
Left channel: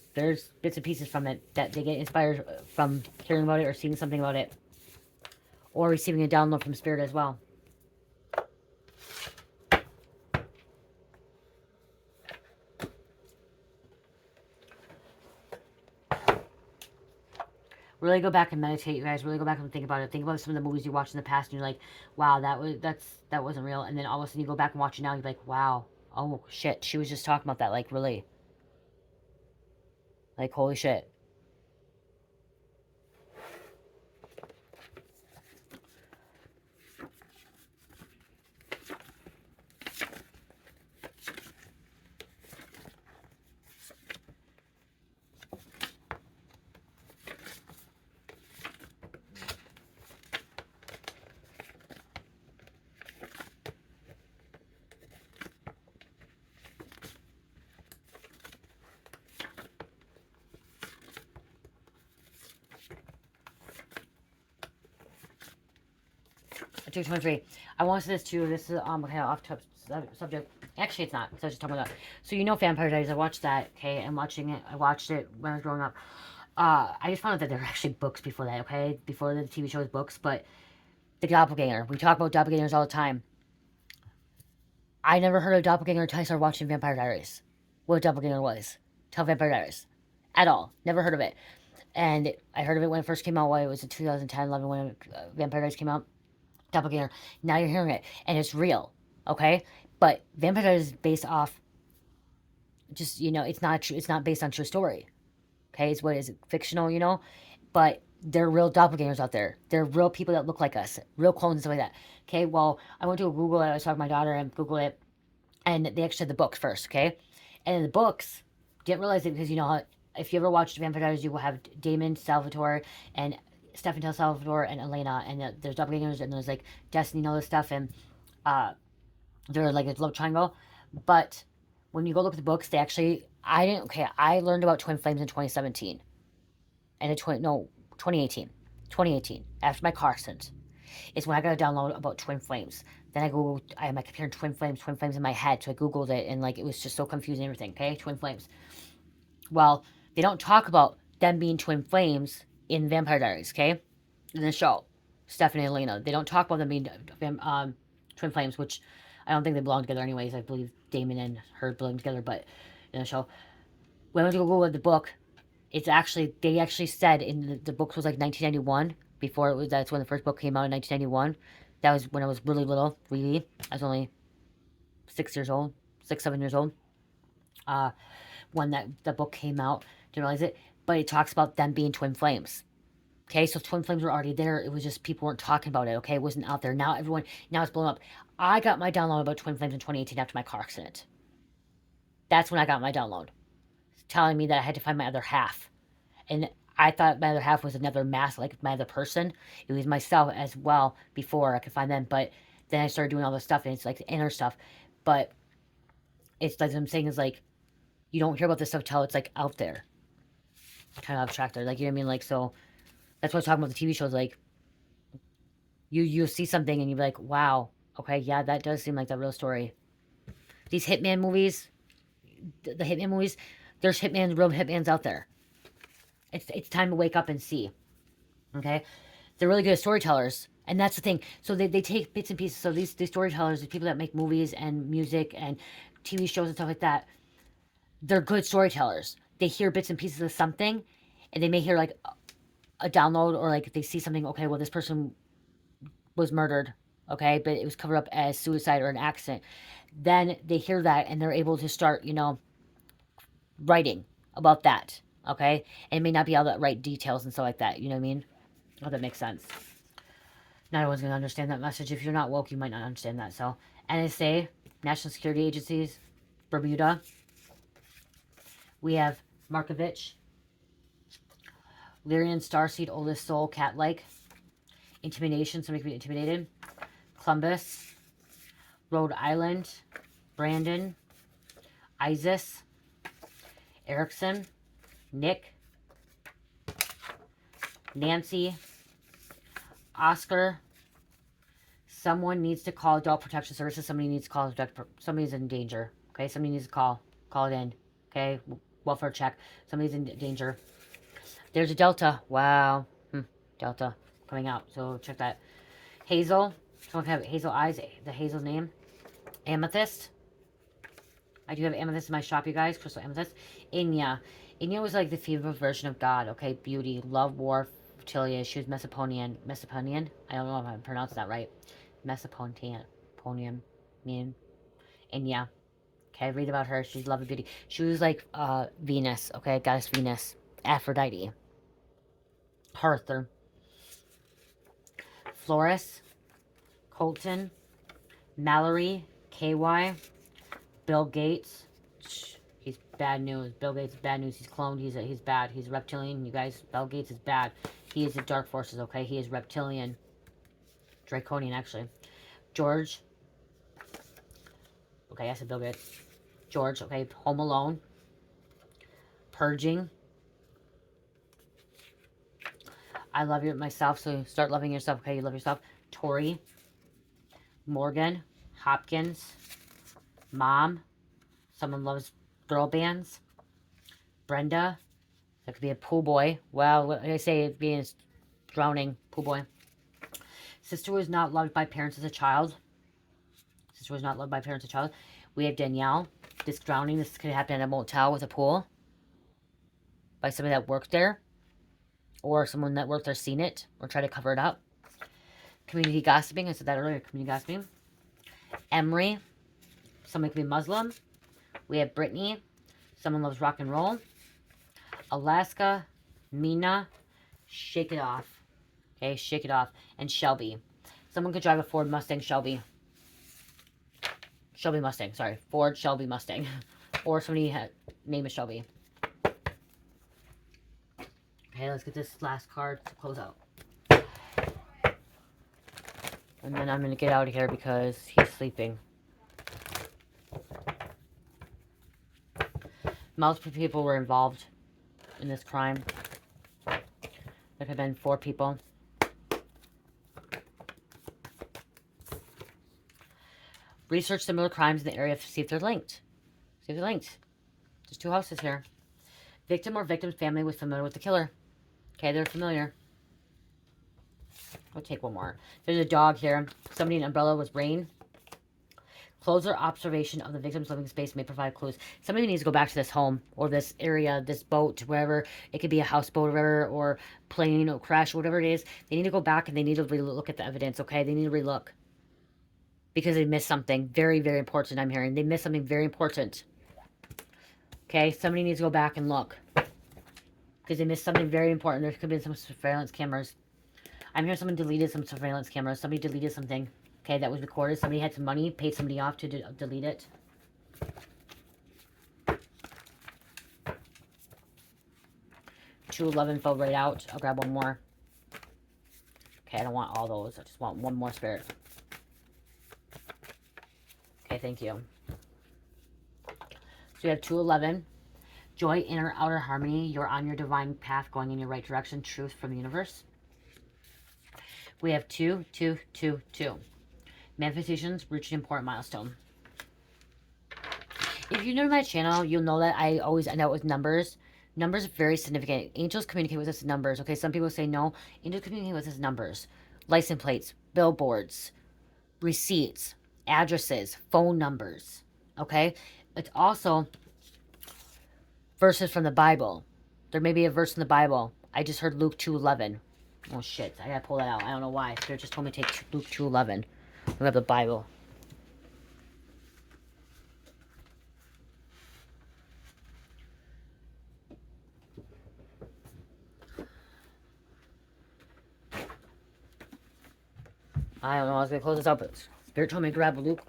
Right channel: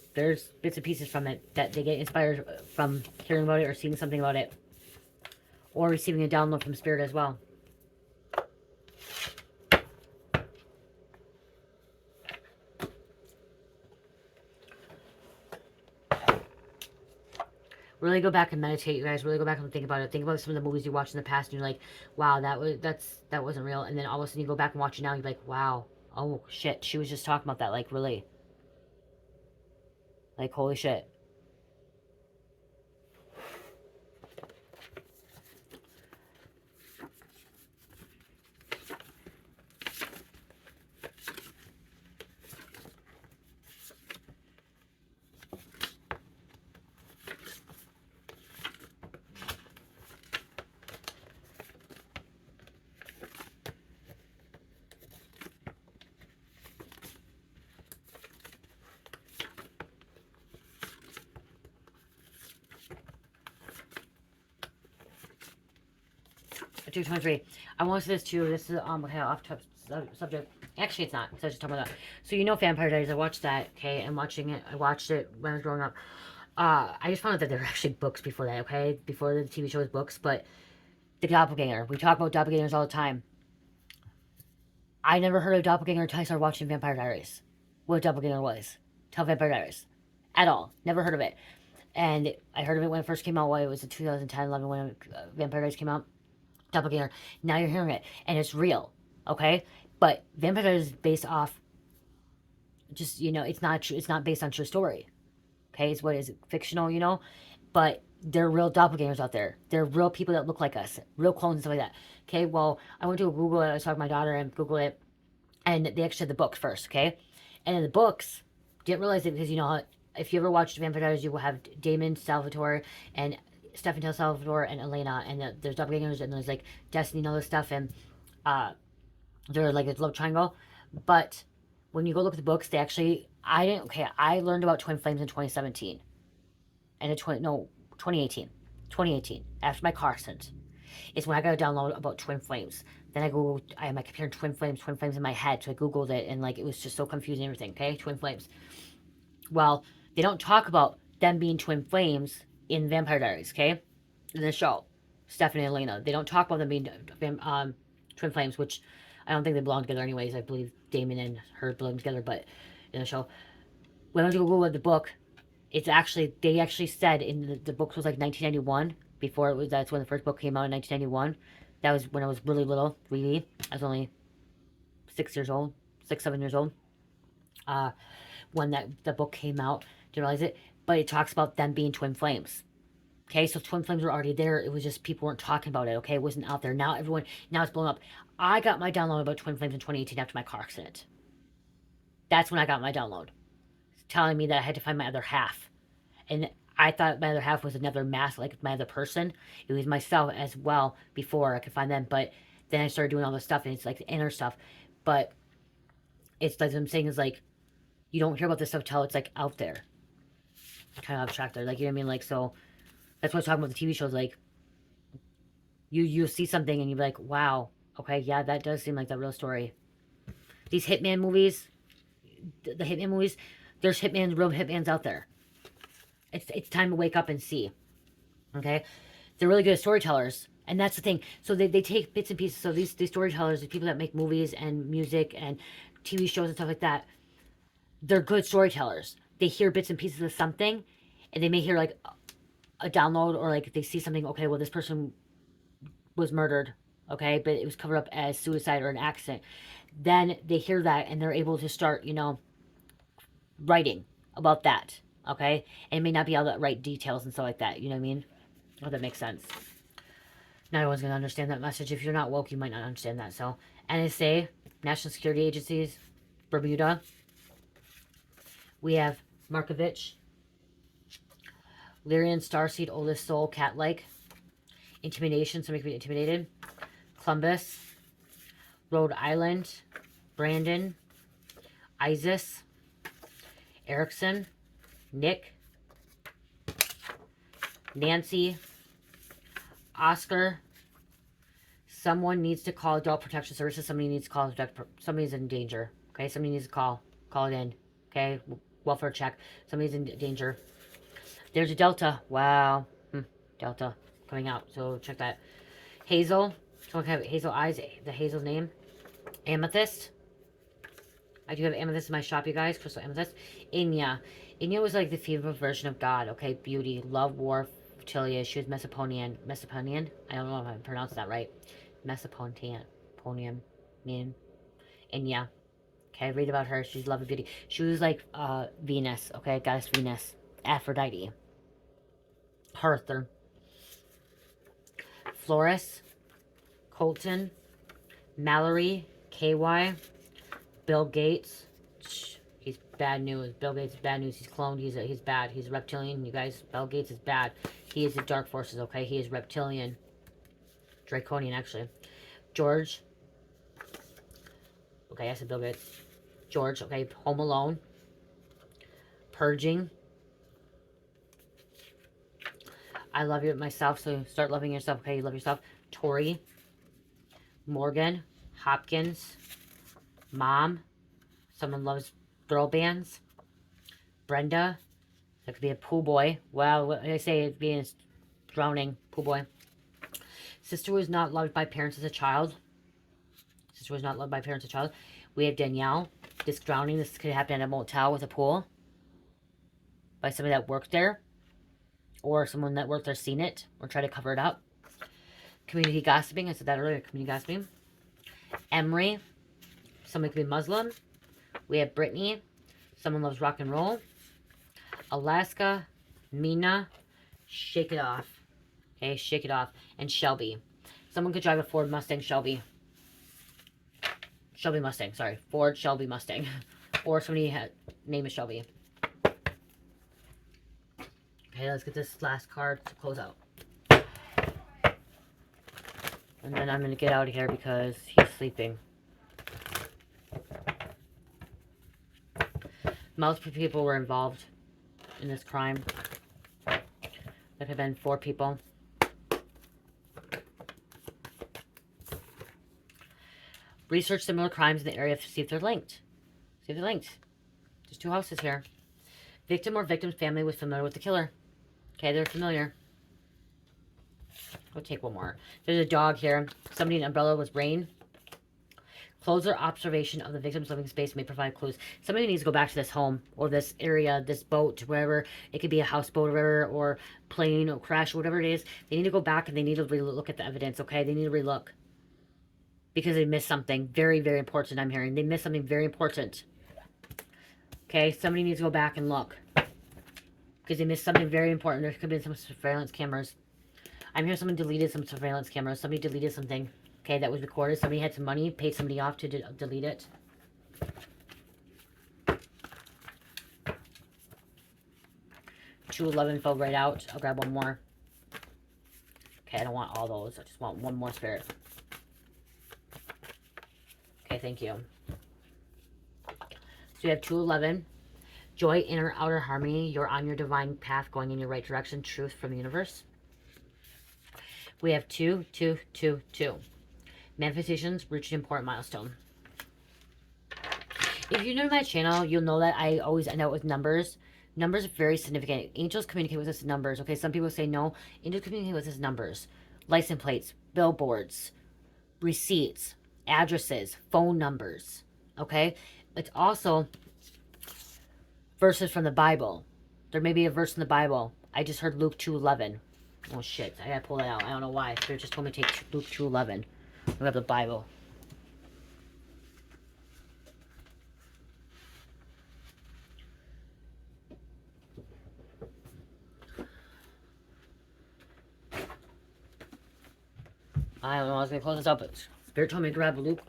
bits and pieces from it that they get inspired from hearing about it or seeing something about it. Or receiving a download from spirit as well. Really go back and meditate, you guys. Really go back and think about it. Think about some of the movies you watched in the past, and you're like, "Wow, that wasn't real." And then all of a sudden, you go back and watch it now, and you're like, "Wow, oh shit, she was just talking about that." Like, really, like, holy shit. Subject 23. I want to say this too. This is okay, off subject. Actually, it's not. Because I was just talking about that. So you know, Vampire Diaries. I watched that. Okay, I'm watching it. I watched it when I was growing up. I just found out that there were actually books before that. Okay, before the TV show was books, but the doppelganger. We talk about doppelgangers all the time. I never heard of doppelganger until I started watching Vampire Diaries. What a doppelganger was. Tell Vampire Diaries. At all. Never heard of it. And I heard of it when it first came out. Why it was in 2010, 11 when Vampire Diaries came out. Doppelganger. Now you're hearing it, and it's real, okay? But Vampire Diaries is based off, just, you know, it's not true. It's not based on true story, okay? It's what is it, fictional, you know? But there are real doppelgangers out there. There are real people that look like us, real clones and stuff like that. Okay, well, I went to Google it. I was talking to my daughter and Google it, and they actually had the books first, okay? And in the books, didn't realize it because, you know, if you ever watched Vampire Diaries, you will have Damon, Salvatore, and Stefan Salvatore and Elena, and there's doppelgangers, and there's like Destiny and all this stuff, and they're like a love triangle. But when you go look at the books, they actually, I learned about twin flames in 2017, and in 2018, 2018 after my car accident. It's when I got a download about twin flames. Then I had my computer twin flames in my head, so I googled it, and like it was just so confusing and everything. Okay, twin flames. Well, they don't talk about them being twin flames in Vampire Diaries, okay? In the show, Stephanie and Elena. They don't talk about them being twin flames, which I don't think they belong together anyways. I believe Damon and her belong together, but in the show. When I went to Google the book, it's actually, they actually said in the book was like 1991, before it was, that's when the first book came out in 1991. That was when I was really little, really. I was only 6 years old, 7 years old. When the book came out, didn't realize it, but it talks about them being twin flames. Okay, so twin flames were already there. It was just people weren't talking about it. Okay, it wasn't out there. Now it's blown up. I got my download about twin flames in 2018 after my car accident. That's when I got my download, telling me that I had to find my other half, and I thought my other half was another mass, like my other person. It was myself as well before I could find them, but then I started doing all this stuff, and it's like the inner stuff. But it's like what I'm saying is like, you don't hear about this stuff till it's like out there, kind of abstracted, like, you know what I mean? Like, so that's what I'm talking about the TV shows. Like, you see something and you're like, wow, okay, yeah, that does seem like the real story. These hitman movies, the hitman movies, there's real hitmans out there. It's time to wake up and see. Okay, they're really good at storytellers, and that's the thing. So they take bits and pieces. So these storytellers, the people that make movies and music and TV shows and stuff like that, they're good storytellers. They hear bits and pieces of something, and they may hear like a download, or like if they see something, okay, well, this person was murdered, okay, but it was covered up as suicide or an accident. Then they hear that and they're able to start, you know, writing about that, okay? And it may not be all the right details and stuff like that, you know what I mean? I hope that makes sense. Not everyone's going to understand that message. If you're not woke, you might not understand that. So, NSA, National Security Agencies, Bermuda. We have Markovich, Lyrian, Starseed, Oldest Soul, Cat-like. Intimidation, somebody could be intimidated. Columbus, Rhode Island, Brandon, Isis, Erickson, Nick, Nancy, Oscar. Someone needs to call Adult Protection Services. Somebody needs to call, somebody's in danger. Okay, somebody needs to call it in. Okay, welfare check. Somebody's in danger. There's a Delta. Wow. Delta coming out. So check that. Hazel. Someone can have hazel eyes. The hazel name. Amethyst. I do have amethyst in my shop, you guys. Crystal amethyst. Enya. Enya was like the female version of God. Okay, beauty, love, war, fertility. She was Mesopotamian. Mesopotamian? I don't know if I pronounced that right. Mesopotamian. Enya. Okay, read about her. She's love and beauty. She was like Venus. Okay, goddess Venus. Aphrodite. Arthur. Florus. Colton. Mallory. KY. Bill Gates. He's bad news. Bill Gates is bad news. He's cloned. He's bad. He's reptilian. You guys, Bill Gates is bad. He is the dark forces, okay? He is reptilian. Draconian, actually. George. Okay, I said Bill Gates. George, okay. Home Alone. Purging. I love you myself, so start loving yourself, okay? You love yourself. Tori. Morgan. Hopkins. Mom. Someone loves throw bands. Brenda. That could be a pool boy. Well, when I say it being drowning, pool boy. Sister was not loved by parents as a child. Sister was not loved by parents as a child. We have Danielle. This drowning, this could happen at a motel with a pool. By somebody that worked there. Or someone that worked there seen it. Or tried to cover it up. Community gossiping. I said that earlier. Community gossiping. Emery. Somebody could be Muslim. We have Brittany. Someone loves rock and roll. Alaska. Mina. Shake it off. Okay, shake it off. And Shelby. Someone could drive a Ford Mustang Shelby. Shelby Mustang, sorry. Ford Shelby Mustang. Or somebody had name is Shelby. Okay, let's get this last card to close out. And then I'm going to get out of here because he's sleeping. Multiple people were involved in this crime. There could have been 4 people. Research similar crimes in the area to see if they're linked. See if they're linked. There's 2 houses here. Victim or victim's family was familiar with the killer. Okay, they're familiar. We'll take one more. There's a dog here. Somebody in an umbrella was rain. Closer observation of the victim's living space may provide clues. Somebody needs to go back to this home or this area, this boat, wherever. It could be a houseboat or whatever, or plane or crash or whatever it is. They need to go back and they need to relook at the evidence, okay? They need to relook. Because they missed something very, very important, I'm hearing. They missed something very important. Okay, somebody needs to go back and look. Because they missed something very important. There could be some surveillance cameras. I'm hearing someone deleted some surveillance cameras. Somebody deleted something. Okay, that was recorded. Somebody had some money, paid somebody off to delete it. $211 fell right out. I'll grab one more. Okay, I don't want all those. I just want one more spirit. Okay, thank you. So you have 211. Joy, inner, outer harmony. You're on your divine path, going in your right direction. Truth from the universe. We have 2, 2, 2, 2. Manifestations, reach an important milestone. If you're new to my channel, you'll know that I always end out with numbers. Numbers are very significant. Angels communicate with us in numbers. Okay, some people say no. Angels communicate with us in numbers. License plates, billboards, receipts, addresses, phone numbers. Okay, it's also verses from the Bible. There may be a verse in the Bible. I just heard Luke 2:11. Oh shit, I gotta pull that out. I don't know why. Spirit just told me to take Luke 2:11. We have the Bible. I don't know. I was gonna close this up, but Spirit told me to grab a Luke.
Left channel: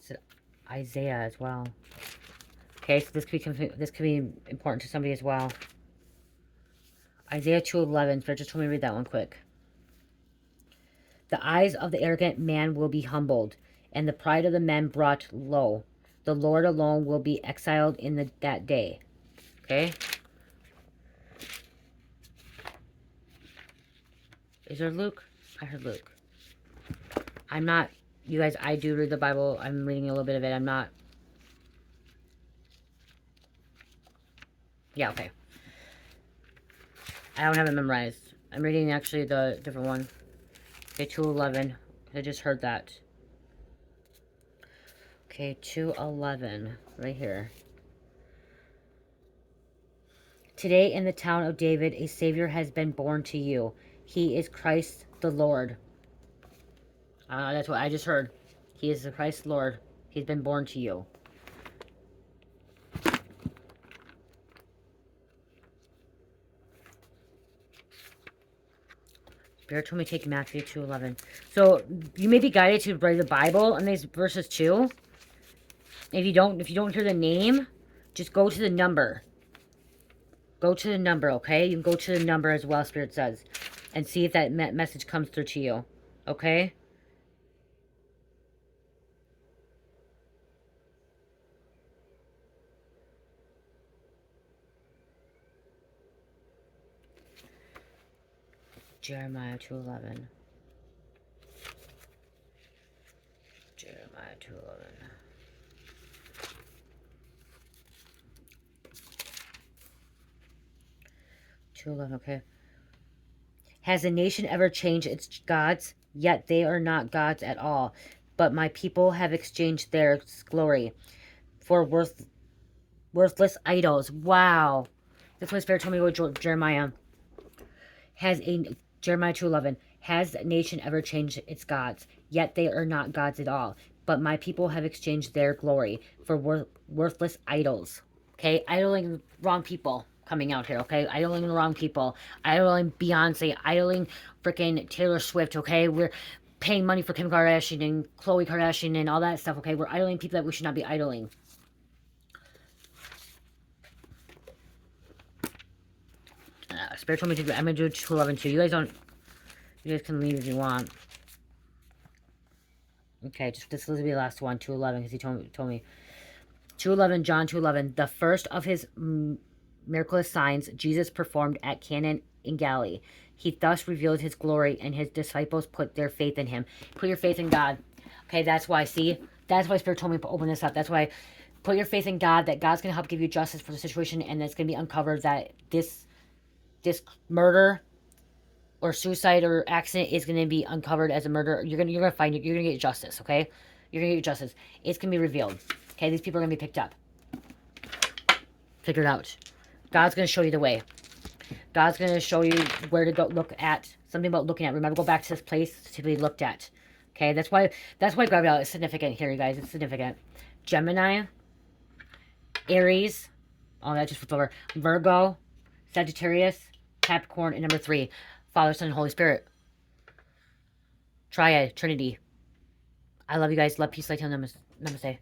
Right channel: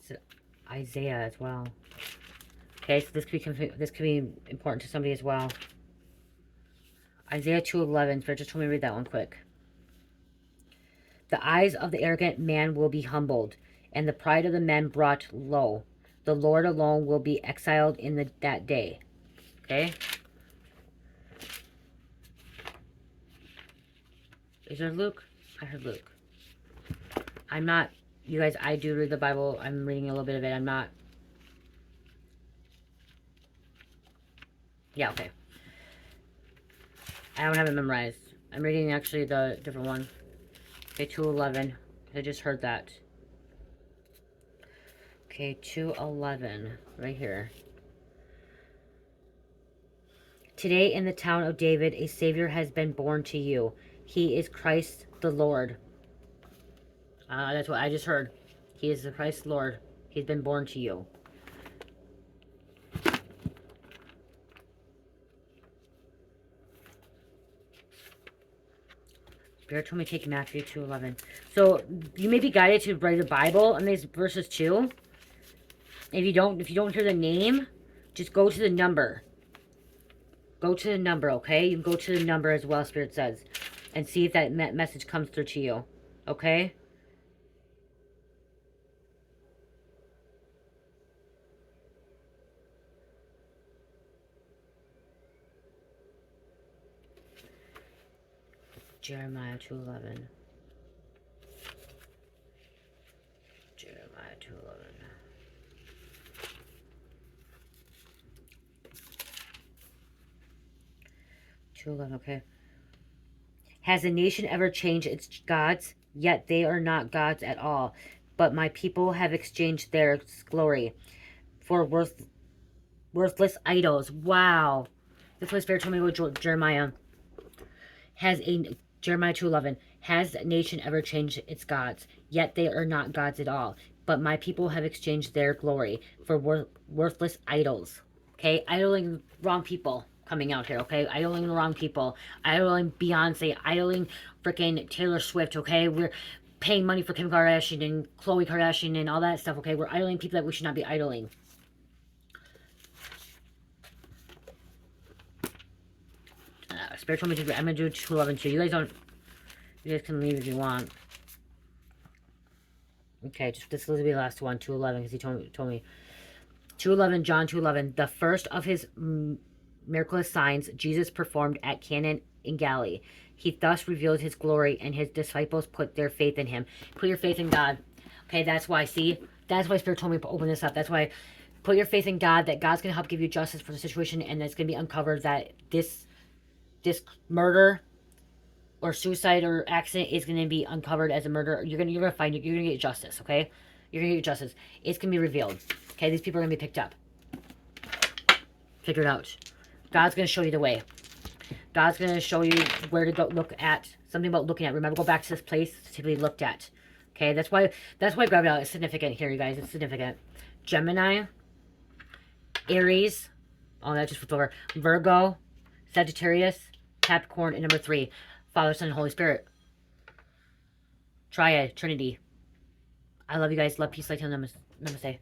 It's Isaiah as well. Okay, so this could be important to somebody as well. Isaiah 2:11. Spirit just told me to read that one quick. The eyes of the arrogant man will be humbled, and the pride of the men brought low. The Lord alone will be exiled in that day. Okay? Is there Luke? I heard Luke. I'm not... You guys, I do read the Bible. I'm reading a little bit of it. I'm not... Yeah, okay. I don't have it memorized. I'm reading actually the different one. Okay, 2:11. I just heard that. Okay, 2:11. Right here. Today in the town of David, a Savior has been born to you. He is Christ the Lord. That's what I just heard. He is the Christ Lord. He's been born to you. Spirit told me to take Matthew 2:11. So you may be guided to read the Bible on these verses too. If you don't hear the name, just go to the number. Go to the number, okay? You can go to the number as well, Spirit says, and see if that message comes through to you, okay? Jeremiah 2:11. Jeremiah 2:11. 2:11, okay. Has a nation ever changed its gods? Yet they are not gods at all. But my people have exchanged their glory for worthless idols. Wow. That's what Spirit told me about Jeremiah. Jeremiah 2:11. Has a nation ever changed its gods? Yet they are not gods at all. But my people have exchanged their glory for worthless idols. Okay? Idling wrong people coming out here, okay? Idling the wrong people. Idling Beyonce. Idling freaking Taylor Swift, okay? We're paying money for Kim Kardashian and Khloe Kardashian and all that stuff, okay? We're idling people that we should not be idling. Spirit told me to do. I'm gonna do 2:11 too. You guys can leave if you want. Okay, this will be the last one. 2:11, because he told me. 2:11, John 2:11. The first of his miraculous signs Jesus performed at Cana in Galilee. He thus revealed his glory, and his disciples put their faith in him. Put your faith in God. Okay, that's why. See, that's why Spirit told me to open this up. That's why. Put your faith in God. That God's gonna help give you justice for the situation, and it's gonna be uncovered that this murder or suicide or accident is going to be uncovered as a murder. You're gonna find it. You're gonna get justice. Okay, you're gonna get justice. It's gonna be revealed. Okay, these people are gonna be picked up, figured out. God's gonna show you the way. God's gonna show you where to go. Look at something about looking at. Remember, go back to this place to be looked at. Okay, that's why Gabrielle is significant here, you guys. It's significant. Gemini, Aries. Oh, that just flipped over. Virgo, Sagittarius, Capricorn, and number 3, Father, Son, and Holy Spirit. Triad, Trinity. I love you guys. Love, peace, light, namaste.